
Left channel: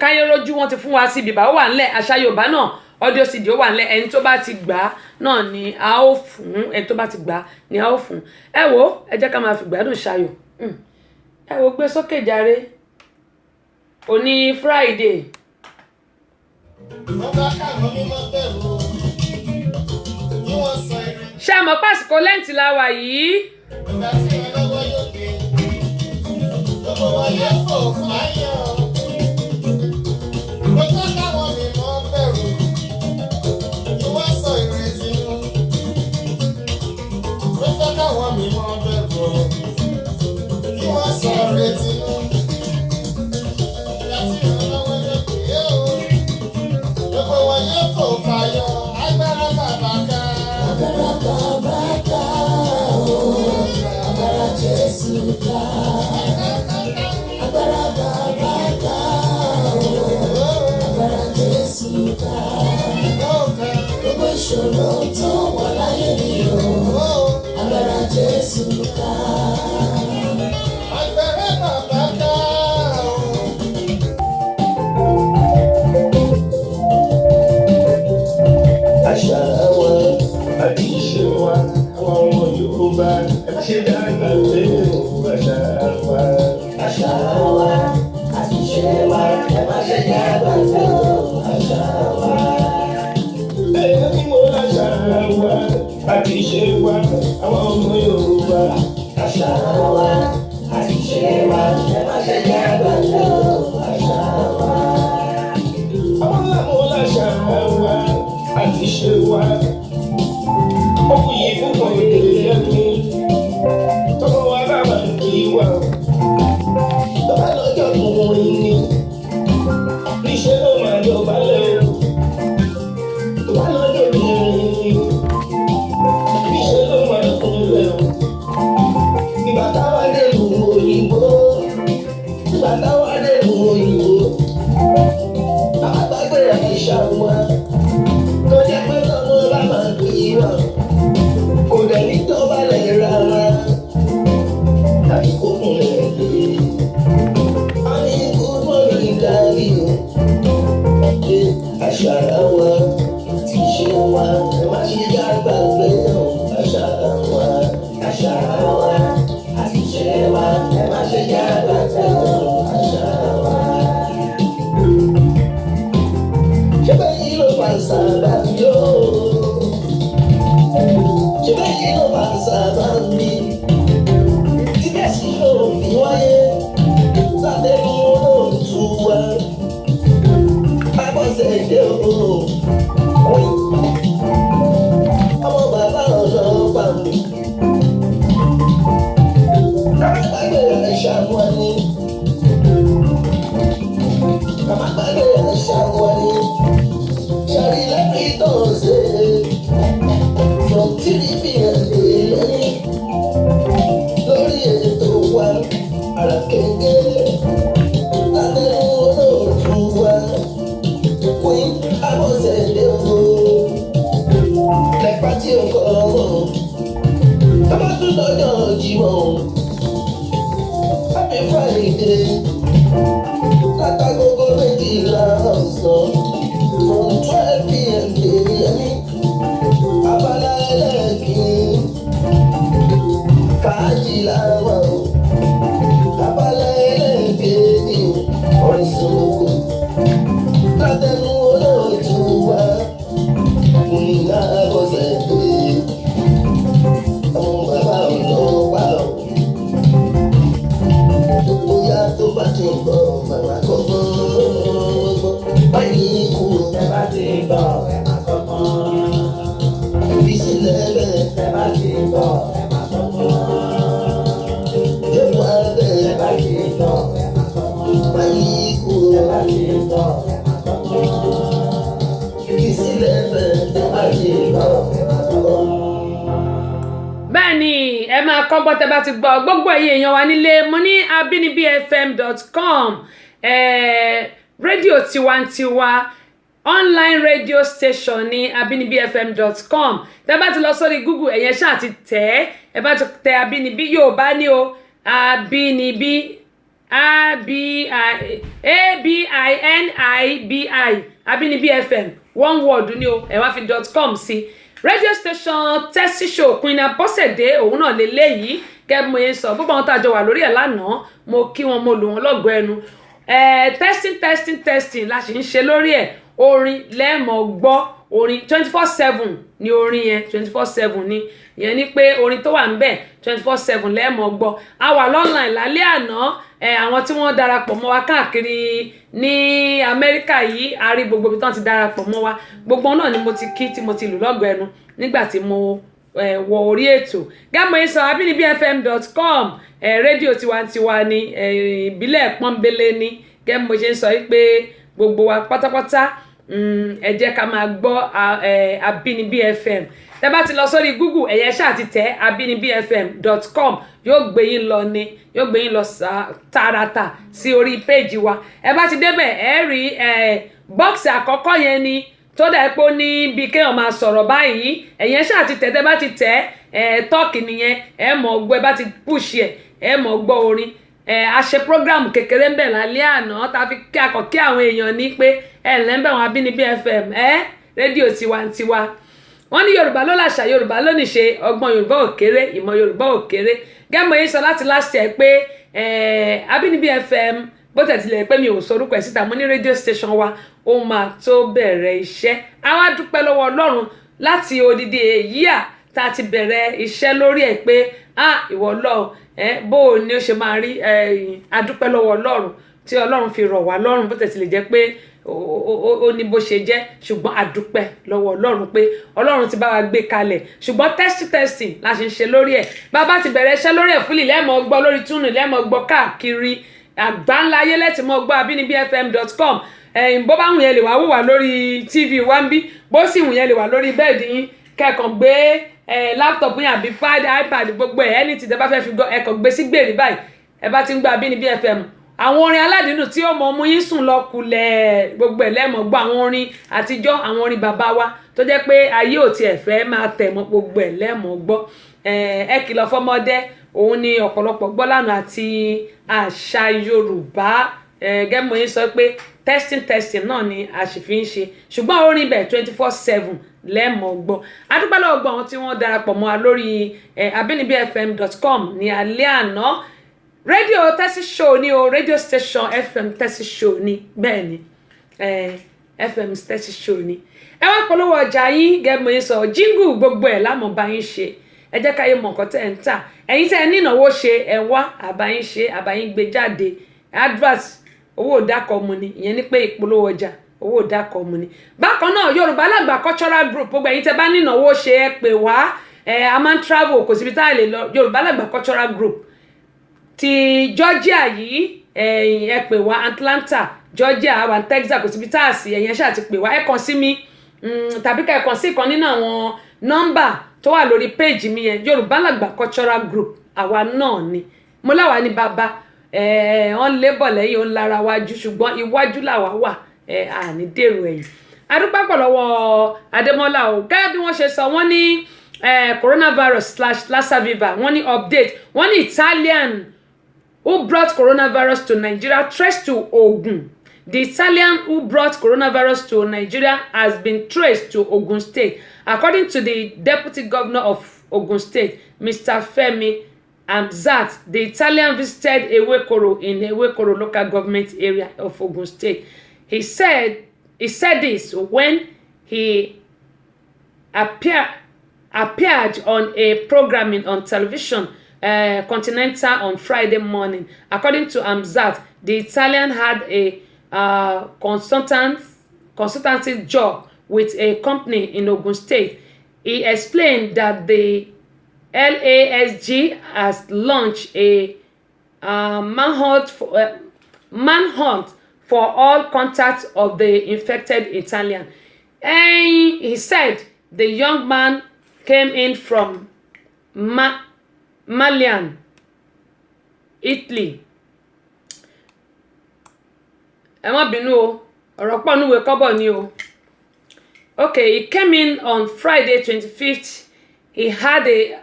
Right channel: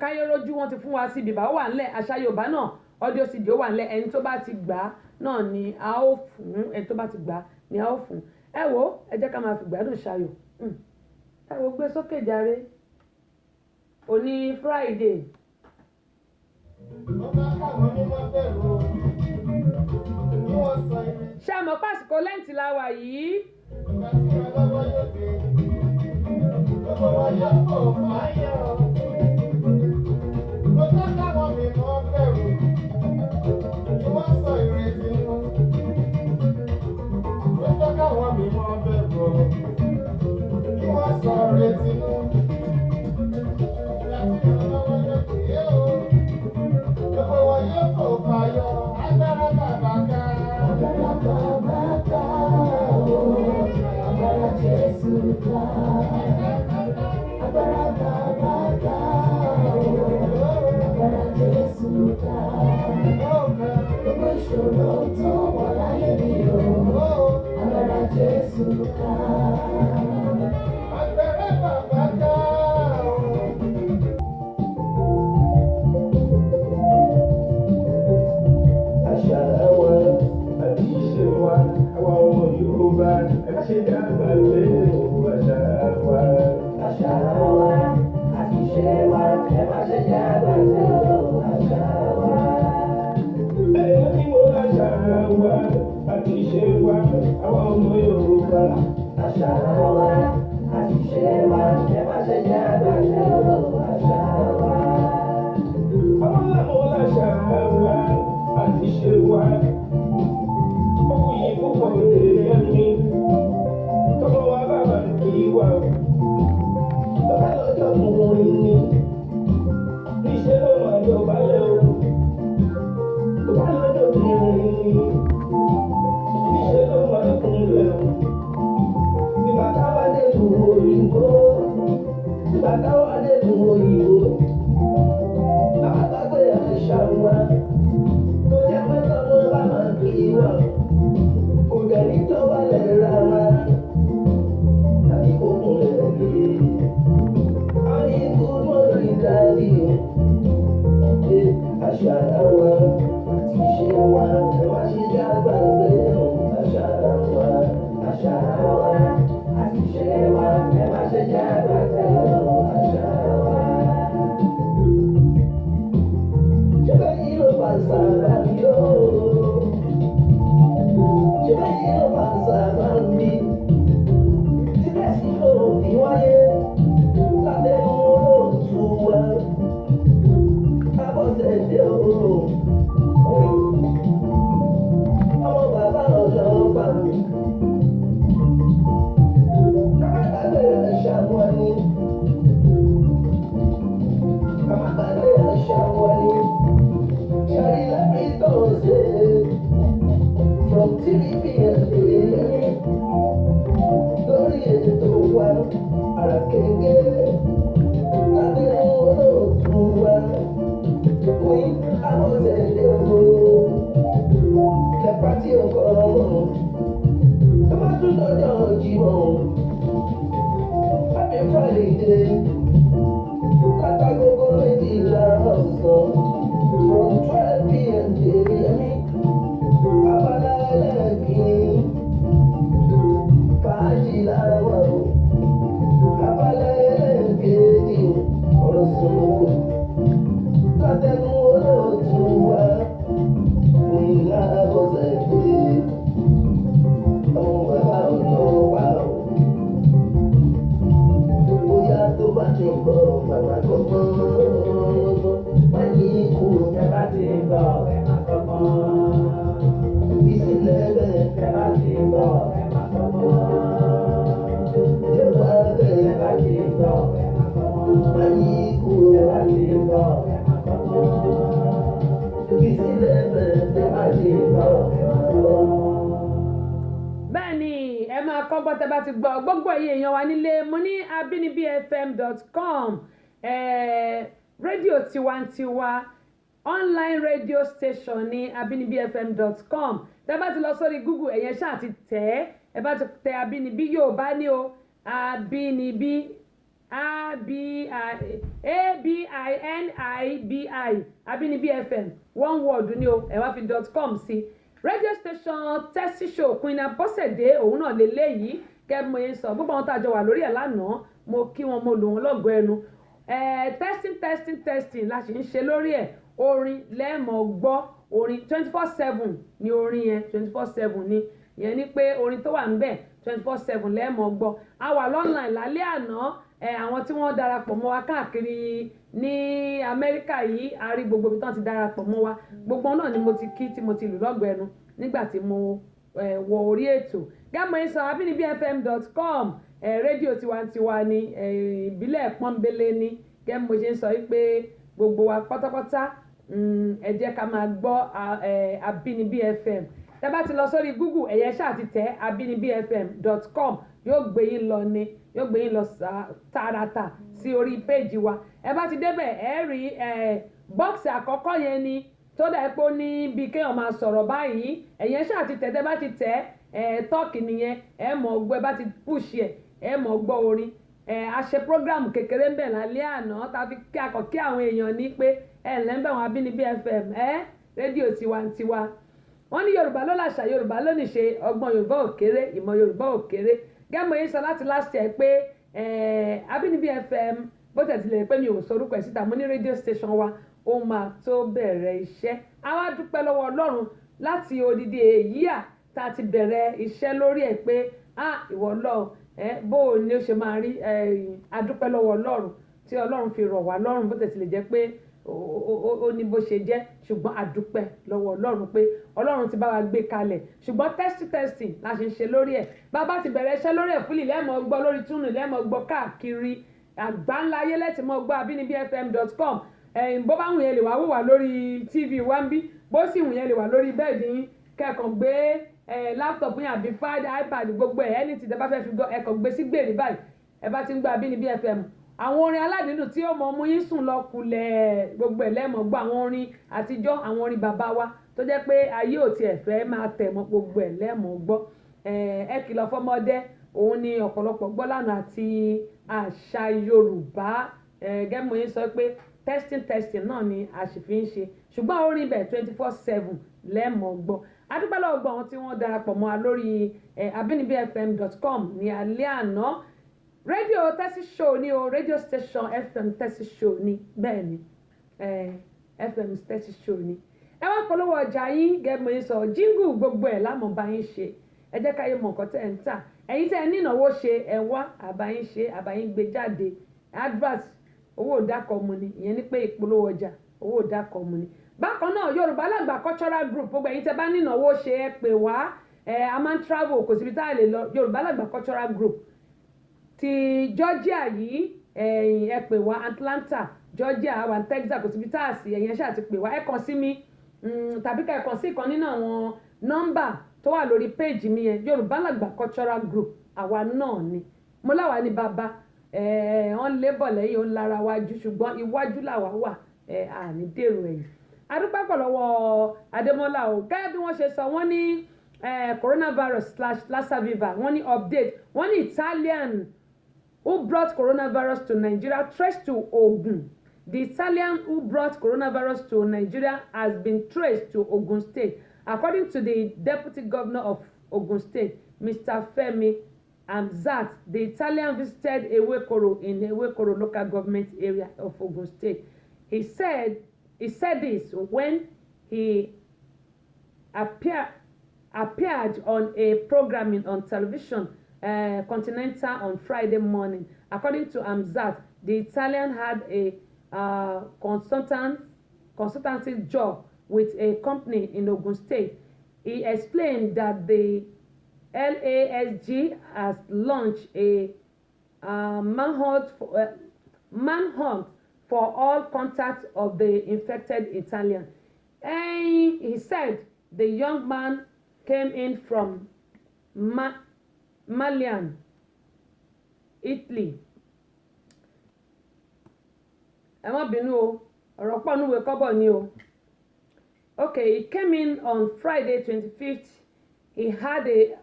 káyé rójú wọn ti fún wa sí bìbá ó wà ńlẹ̀ àṣà Yorùbá náà audio CD ó wà ńlẹ̀ ẹni tó bá ti gbà á náà ni a ó fún ẹni tó bá ti gbà á ni a ó fún ẹ wo ẹ jẹ́ ká máa fi gbádùn ṣayọ̀ ẹ wo gbé sókè jàre òní Friday. ṣé àmọ́ pàṣípò lẹ́ǹtì la wà yìí. Ìṣòro tó wà láyé mi o, agbára Jésù ká. Agbára bàbá ká o. Àṣà wa àti ìṣe wa, àwọn ọmọ Yorùbá, ẹ má ṣe dàgbà pé o, àṣà wa. Àṣà wa àti ìṣe wa, ẹ má ṣe dàgbà pé o, àṣà wa. Àti ìṣe wa, àwọn ọmọ Yorùbá. Àṣà wa, àti ìṣe wa, ẹ má ṣe jẹ́ àgbàdo àṣà wa. Àwọn làwọn láṣà wa, àti ìṣe wa. Ọkùn yìí púpọ̀ èdè ẹ̀mí. Tọ́kọ wa bá wà kí wà. Bàbá lọ́jọ́ tó wọ́n ní. Níṣẹ́ ló máa lọ balẹ̀ o. Bàbá lọ́jọ́ tó wọ́n ní. kọ́gbọ́n tẹ́ bá ti gbọ́ gbogbo ẹ̀yin èèyàn wa nílé mo ní abinibifm.com rédíò tiwantiwa online radio station ní abinibifm.com tẹ́ bá ti lọ sórí Google ẹ̀yẹn ṣáà ti tẹ̀ ẹ bá ti tẹ Abínibí Yorùbá ní o Abínibí ABINIBI Abínibí FM one word ni o ẹ wá fi .com sí radio station tẹ́sí show Queen Abọ́sẹ̀dé òun náà lélẹ́yìí kẹ́ mo yẹn sọ gbogbo àwọn tá a jọ wà lórí ẹ̀ lánàá mo kí wọn mo lù wọn lọ́gọ̀ ẹnu testing la sì ń ṣe lórí ẹ̀ orin lẹ́ẹ̀mọ̀ gbọ́ orin 24/7 ni orin yẹn 24/7 ni ìyẹn ni pé orin tó wà ń bẹ̀ 24/7 lẹ́ẹ̀mọ̀ gbọ́ a wà lọ́nà ìlàlẹ́ àná àwọn tí wọ́n darapọ̀ mọ́ wa káàkiri ní Amẹ́ríkà yìí a rí gbogbo ibi tí wọ́n ti darapọ̀ mọ́ wa gbogbo náà ni mo ti kí tí mo ti lù lọ́gọ̀ ẹnu nígbà tí mo wọ orí ètò gámọ̀ yìí sọ abinibifm.com rédíò tiwantiwa ni ìbílẹ̀ pọ́nbélé ni gẹ́gẹ́ mo ṣe ń sọ pé gbogbo wa pátápátá ẹ jẹ́ ká máa gbọ́ Abínibí FM tẹ́ bá ti lọ sórí Google ẹ̀yẹ ṣáà ti tẹ̀ abinibifm.com yóò gbé yín lọ ni yóò gbé yín lọ tààràtà sí orí péèjì wa ẹ bá ti débẹ̀ ẹ rí bọ́ọ̀sì àkọ́kọ́ yẹn ni tó dà pé ó ní bí kéèyàn máa sọ̀rọ̀ báyìí ẹ̀yẹn ṣáà ti tẹ̀ tẹ́ bá ti tẹ̀ tọ́ọ̀kì nìyẹn ẹ mọ̀ gbọ́ ẹ bá ti pùṣì ẹ mọ̀ gbọ́ orin a ṣe program kékeré ń bẹ̀ lálẹ́ àná tá a fi kí akọ̀kí àwọn èèyàn ní pé lẹ́ńbẹ̀ wọn Abínibí FM rédíò tiwantiwa wọ́n ní Yorùbá ló làṣà Yorùbá ló níṣe ọgbọ́n Yorùbá ò kéré ìmọ̀ Yorùbá ò kéré gẹ́mọ̀ yín sọ láti last year pé Abínibí FM bó tẹ̀sílẹ̀ pé mi ò sorúkọ ẹ̀ síta mo ní rédíò station wa ó máa tó bẹ̀rẹ̀ iṣẹ́ a wá dúpẹ́ lọ́wọ́ Ọlọ́run láti odidi èyí tá a ti bẹ̀rẹ̀ iṣẹ́ lórí ẹ̀ pé ìwọ Ọlọ́run bó o ní ó ṣe máa rí adúpẹ́ lọ́wọ́ Ọlọ́run tí Ọlọ́run fi rọ̀ wá lọ́rùn bó tẹ̀sílẹ̀ jẹ́ pé ó ní bó ṣe jẹ́ ṣùgbọ́n adúpẹ́ lọ́wọ́ Ọlọ́run pé Ọlọ́run ti bá wa gbé kalẹ̀ ṣùgbọ́n testing la ṣe ń ṣe lórí ẹ̀ bàbá ti bẹ̀rẹ̀ iṣẹ́ lórí ẹ̀ fúlì lẹ́ẹ̀mọ́ gbọ́ lórí túnú lẹ́ẹ̀mọ́ gbọ́ káàkiri àgbáńlá ayé lẹ́tì mọ́ gbọ́ abinibifm.com bó bá wùn yẹn lè wá wò wá lórí TV wá ń bí bó sì wùn yẹn lè wá lórí bẹ́ẹ̀dì yín kẹ́kàn gbé láptọ̀pù yín àbí iPad gbogbo ẹ̀ ní ti tẹ́ bá fẹ́ fi gbọ́ ẹ̀kàn gbé sí gbèrè báyìí ẹ bá ti ń gbọ́ Abínibí FM àwọn orin aládìínú tí ó mọ ọmú yín sùn lọ kulẹ̀ gbogbo ẹ̀ lẹ́mọ̀ gbọ́ àwọn orin àtijọ́ àwọn orin bàbá wa tó jẹ́ pé ayé ò tiẹ̀ fẹ́ máa tẹ̀ mọ́ gbogbo ẹ̀ lẹ́mọ̀ gbọ́ ẹ kìlọ̀ fọmọdé òun ni ọ̀pọ̀lọpọ̀ gbọ́ lánàá àti àṣà Yorùbá gẹ́gẹ́ mo yín sọ pé testing náà ni a sì fi ń ṣe ṣùgbọ́n orin bẹ̀ 24/7 lẹ́mọ̀ gbọ́ adúpẹ́ lọ́wọ́ gbọ́ àwọn tí wọ́n darapọ̀ mọ́ wa lórí abinibifm.com ní alẹ́ àná rédíò tẹ́sí show ni o rédíò station FM tẹ́sí show ni bẹ́ẹ̀ ni FM tẹ́sí show ni ẹ wá polówó ọjà yín gẹ́gẹ́ mo yín sọ jíngù gbogbo ẹ̀ lámọ̀ bá yín ṣe ẹ jẹ́ káyé mọ̀ nǹkan tẹ́ ẹ̀ ń tà ẹ̀yin tẹ́ ẹ ní ìnáwó ṣe ẹ wá àbáyín ṣe àbáyín gbé jáde advert owó òdàkọ̀ mu ni ìyẹn ní pé ìpolówó ọjà owó òdàkọ̀ mu ni bákan náà Yorùbá Lágbà cultural group gbogbo ẹ̀yin tẹ́ bá ní ìnáwó ṣe ẹ pè wá a máa ń travel kò síbi tá a lè lọ Yorùbá Lágbà cultural group ti Georgia yìí ẹ pè wá Atlanta Georgia àwọn Texas kò síbi tá a sì ẹ̀yẹn ṣáà ti pè wá ẹ kàn sí mi tàbí ká ẹ kàn sí ìkan nínú àwọn nọ́mbà tó wà lórí péèjì mi yẹn Yorùbá Lágbà cultural group àwa náà ni mo láwa ní bàbá wọ́n lébọ̀ lẹ́yìn òun lára wájú ṣùgbọ́n iwájú làwa wà àní dèrò ẹ̀yìn adúpẹ́ pọ̀ lọ́wọ́ Adémọ́lá o gẹ́gẹ́ bí wọ́n ṣe sọ wọ́n ní coronavirus/Lassa fever wọ́n ní update wọ́n ní Italian who brought coronavirus to Nigeria traced to Ogun. The Italian who brought coronavirus to Nigeria has been traced to Ogun State. According to the Deputy Governor of Ogun State, Mr. Femi Hamzat, the Italian visited Ewekoro in Ewekoro local government area of Ogun State. He said this when he appeared on a programming on television Continental on Friday morning. According to Hamzat, the Italian had a consultancy job with a company in Ogun State. He explained that the LASG has launched a manhunt for all contacts of the infected Italian. And he said the young man came in from Milan, Italy. Ẹ má bínú o, ọ̀rọ̀ pọ̀ níwèé kọ́bọ̀ ni o. Okay, he came in on Friday 25th. He had a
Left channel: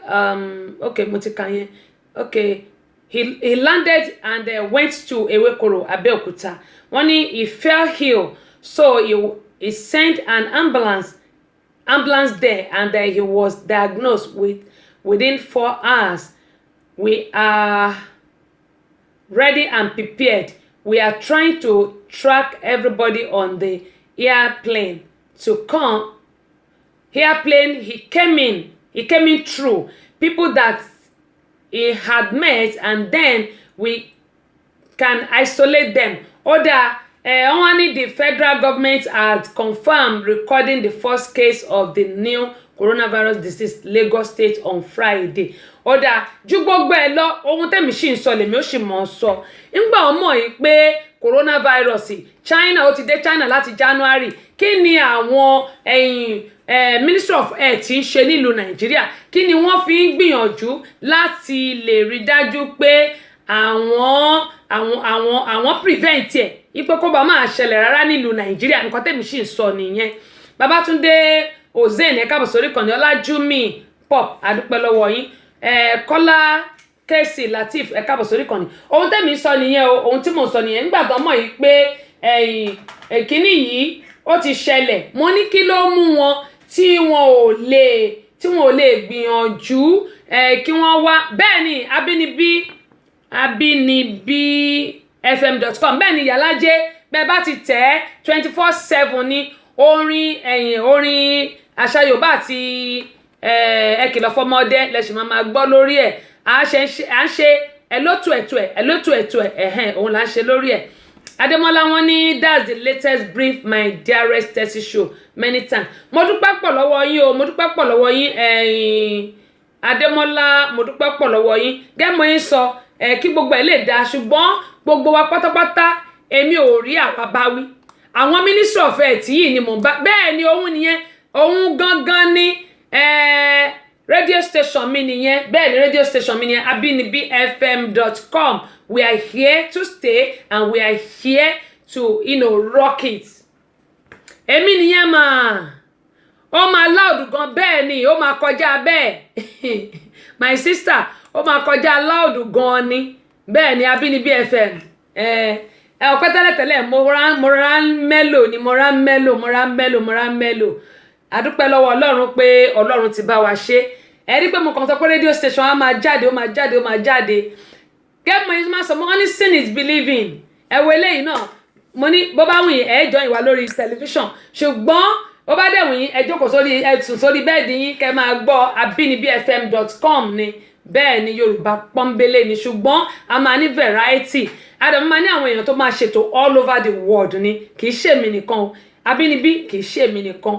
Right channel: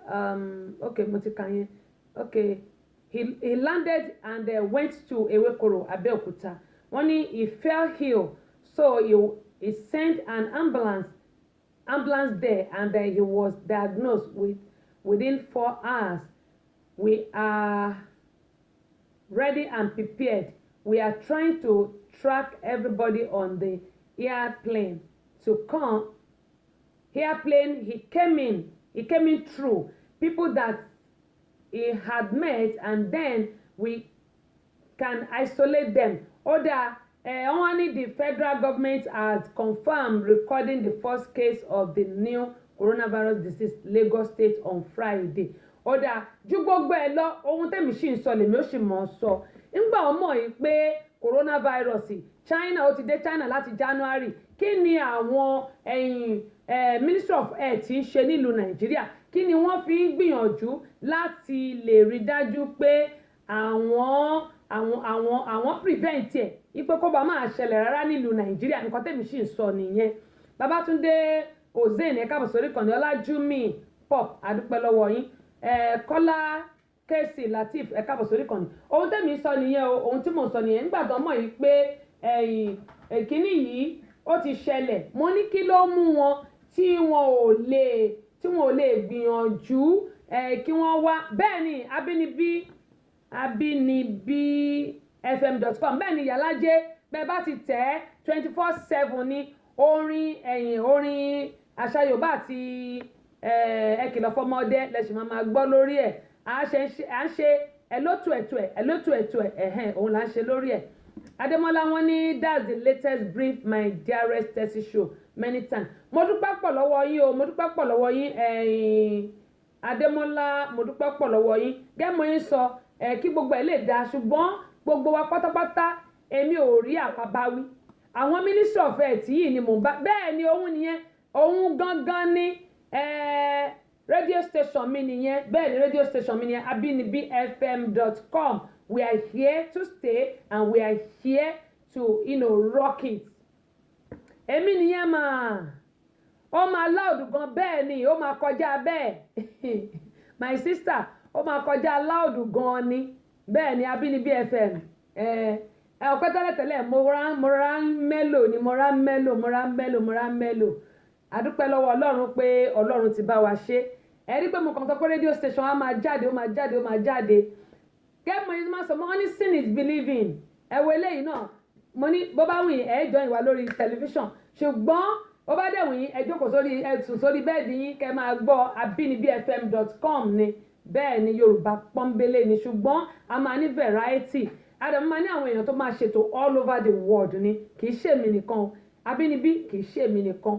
okay, mo ti kà yẹn. Okay, he landed and went to Ewekoro, Abeokuta. When he fell ill, so he sent an ambulance there, and he was diagnosed within 4 hours. We are ready and prepared. We are trying to track everybody on the airplane to come. Airplane, he came in through people that he had met, and then we can isolate them. Only the federal government had confirmed recording the first case of the new coronavirus disease Lagos State on Friday. Ju gbogbo ẹ lọ, ohun tẹ́mi ṣì ń sọ lèmi ó sì mọ̀ sọ. Ńgbà ọmọ yìí pé coronavirus China ó ti dé China láti January. Kí ni àwọn Ministry of Health ń ṣe nílùú Nàìjíríà? Kí ni wọ́n fi ń gbìyànjú láti lè rí dájú pé àwọn prevent ẹ̀ ipò kó bá máa ṣẹlẹ̀ rárá nílùú Nàìjíríà? Nǹkan tẹ́mi ṣì ń sọ nìyẹn. Babátúndé Ozen ẹ káàbọ̀ sórí ìkànnì, Ọlájúmi Pop adúpẹ́ lọ́wọ́ yín, Kọ́lá Kẹ́sì Latif ẹ káàbọ̀ sórí ìkànnì. Ohun tẹ́mi sọ nìyẹn o, ohun tí mò ń sọ nìyẹn. Nígbà tó mọ̀ yìí pé kíní yìí ó ti ṣẹlẹ̀, mo ní kí ló mú wọn tí wọn ò lè gbìyànjú kí wọ́n wá. Bẹ́ẹ̀ ni abinibifm.com, bẹ́ẹ̀ ni Yàlájé, bẹ́ẹ̀ bá ti tẹ̀ 24/7 ní orin àṣà Yorùbá àti ẹ kìlọ̀ fọmọdé lẹ́sìn máa gbọ́ lórí ẹ̀. À ń ṣe ẹlótù ẹ̀ òun là ń ṣe lórí ẹ̀. Adémọ́lá wọn ní that's the latest brief my dearest Tessy show many times. Mo dúpẹ́ pọ̀ lọ́wọ́ yín o, mo dúpẹ́ pọ̀ lọ́wọ́ yín Adémọ́lá, mo dúpẹ́ pọ̀ lọ́wọ́ yín. Gẹ́mọ̀ yín sọ kí gbogbo ẹ̀ lè dáa, ṣùgbọ́n gbogbo wa pátápátá èmi ò rí àwa bá wí. Àwọn Ministry of Health yìí ni mò ń bá. Bẹ́ẹ̀ ni òun nìyẹn, òun gangan ni radio station mi nìyẹn. Bẹ́ẹ̀ ni radio station mi nìyẹn, abinibifm.com. We are here to stay and we are here to rock it. Èmi nìyẹn mà. Ó máa loud gan, bẹ́ẹ̀ ni ó máa kọjá bẹ́ẹ̀. My sister, ó máa kọjá loud gan ni. Bẹ́ẹ̀ ni Abínibí FM. Ọpẹ́ tẹ́lẹ̀tẹ́lẹ̀ mo ra mélòó. Adúpẹ́ lọ́wọ́ Ọlọ́run pé Ọlọ́run ti bá wa ṣe. Ẹ rí pé mo kàn sọ pé radio station á máa jáde. Gẹ́gẹ́ yìí máa sọ, mo ní seeing is believing. Ẹ wo eléyìí náà, mo ní bó bá wù yín ẹ join wa lórí tẹlifíṣàn, ṣùgbọ́n bó bá dẹ̀ wù yín ẹ jókòó sórí bẹ́ẹ̀dì yín kẹ́ máa gbọ́ abinibifm.com ni. Bẹ́ẹ̀ ni Yorùbá pọ́nbélé ni, ṣùgbọ́n a máa ní variety. Àdàmú máa ní àwọn èèyàn tó máa ṣètò all over the world ni, kì í ṣèmi nìkan o. Abínibí kì í ṣèmi nìkan,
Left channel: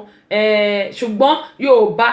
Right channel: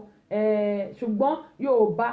ṣùgbọ́n Yorùbá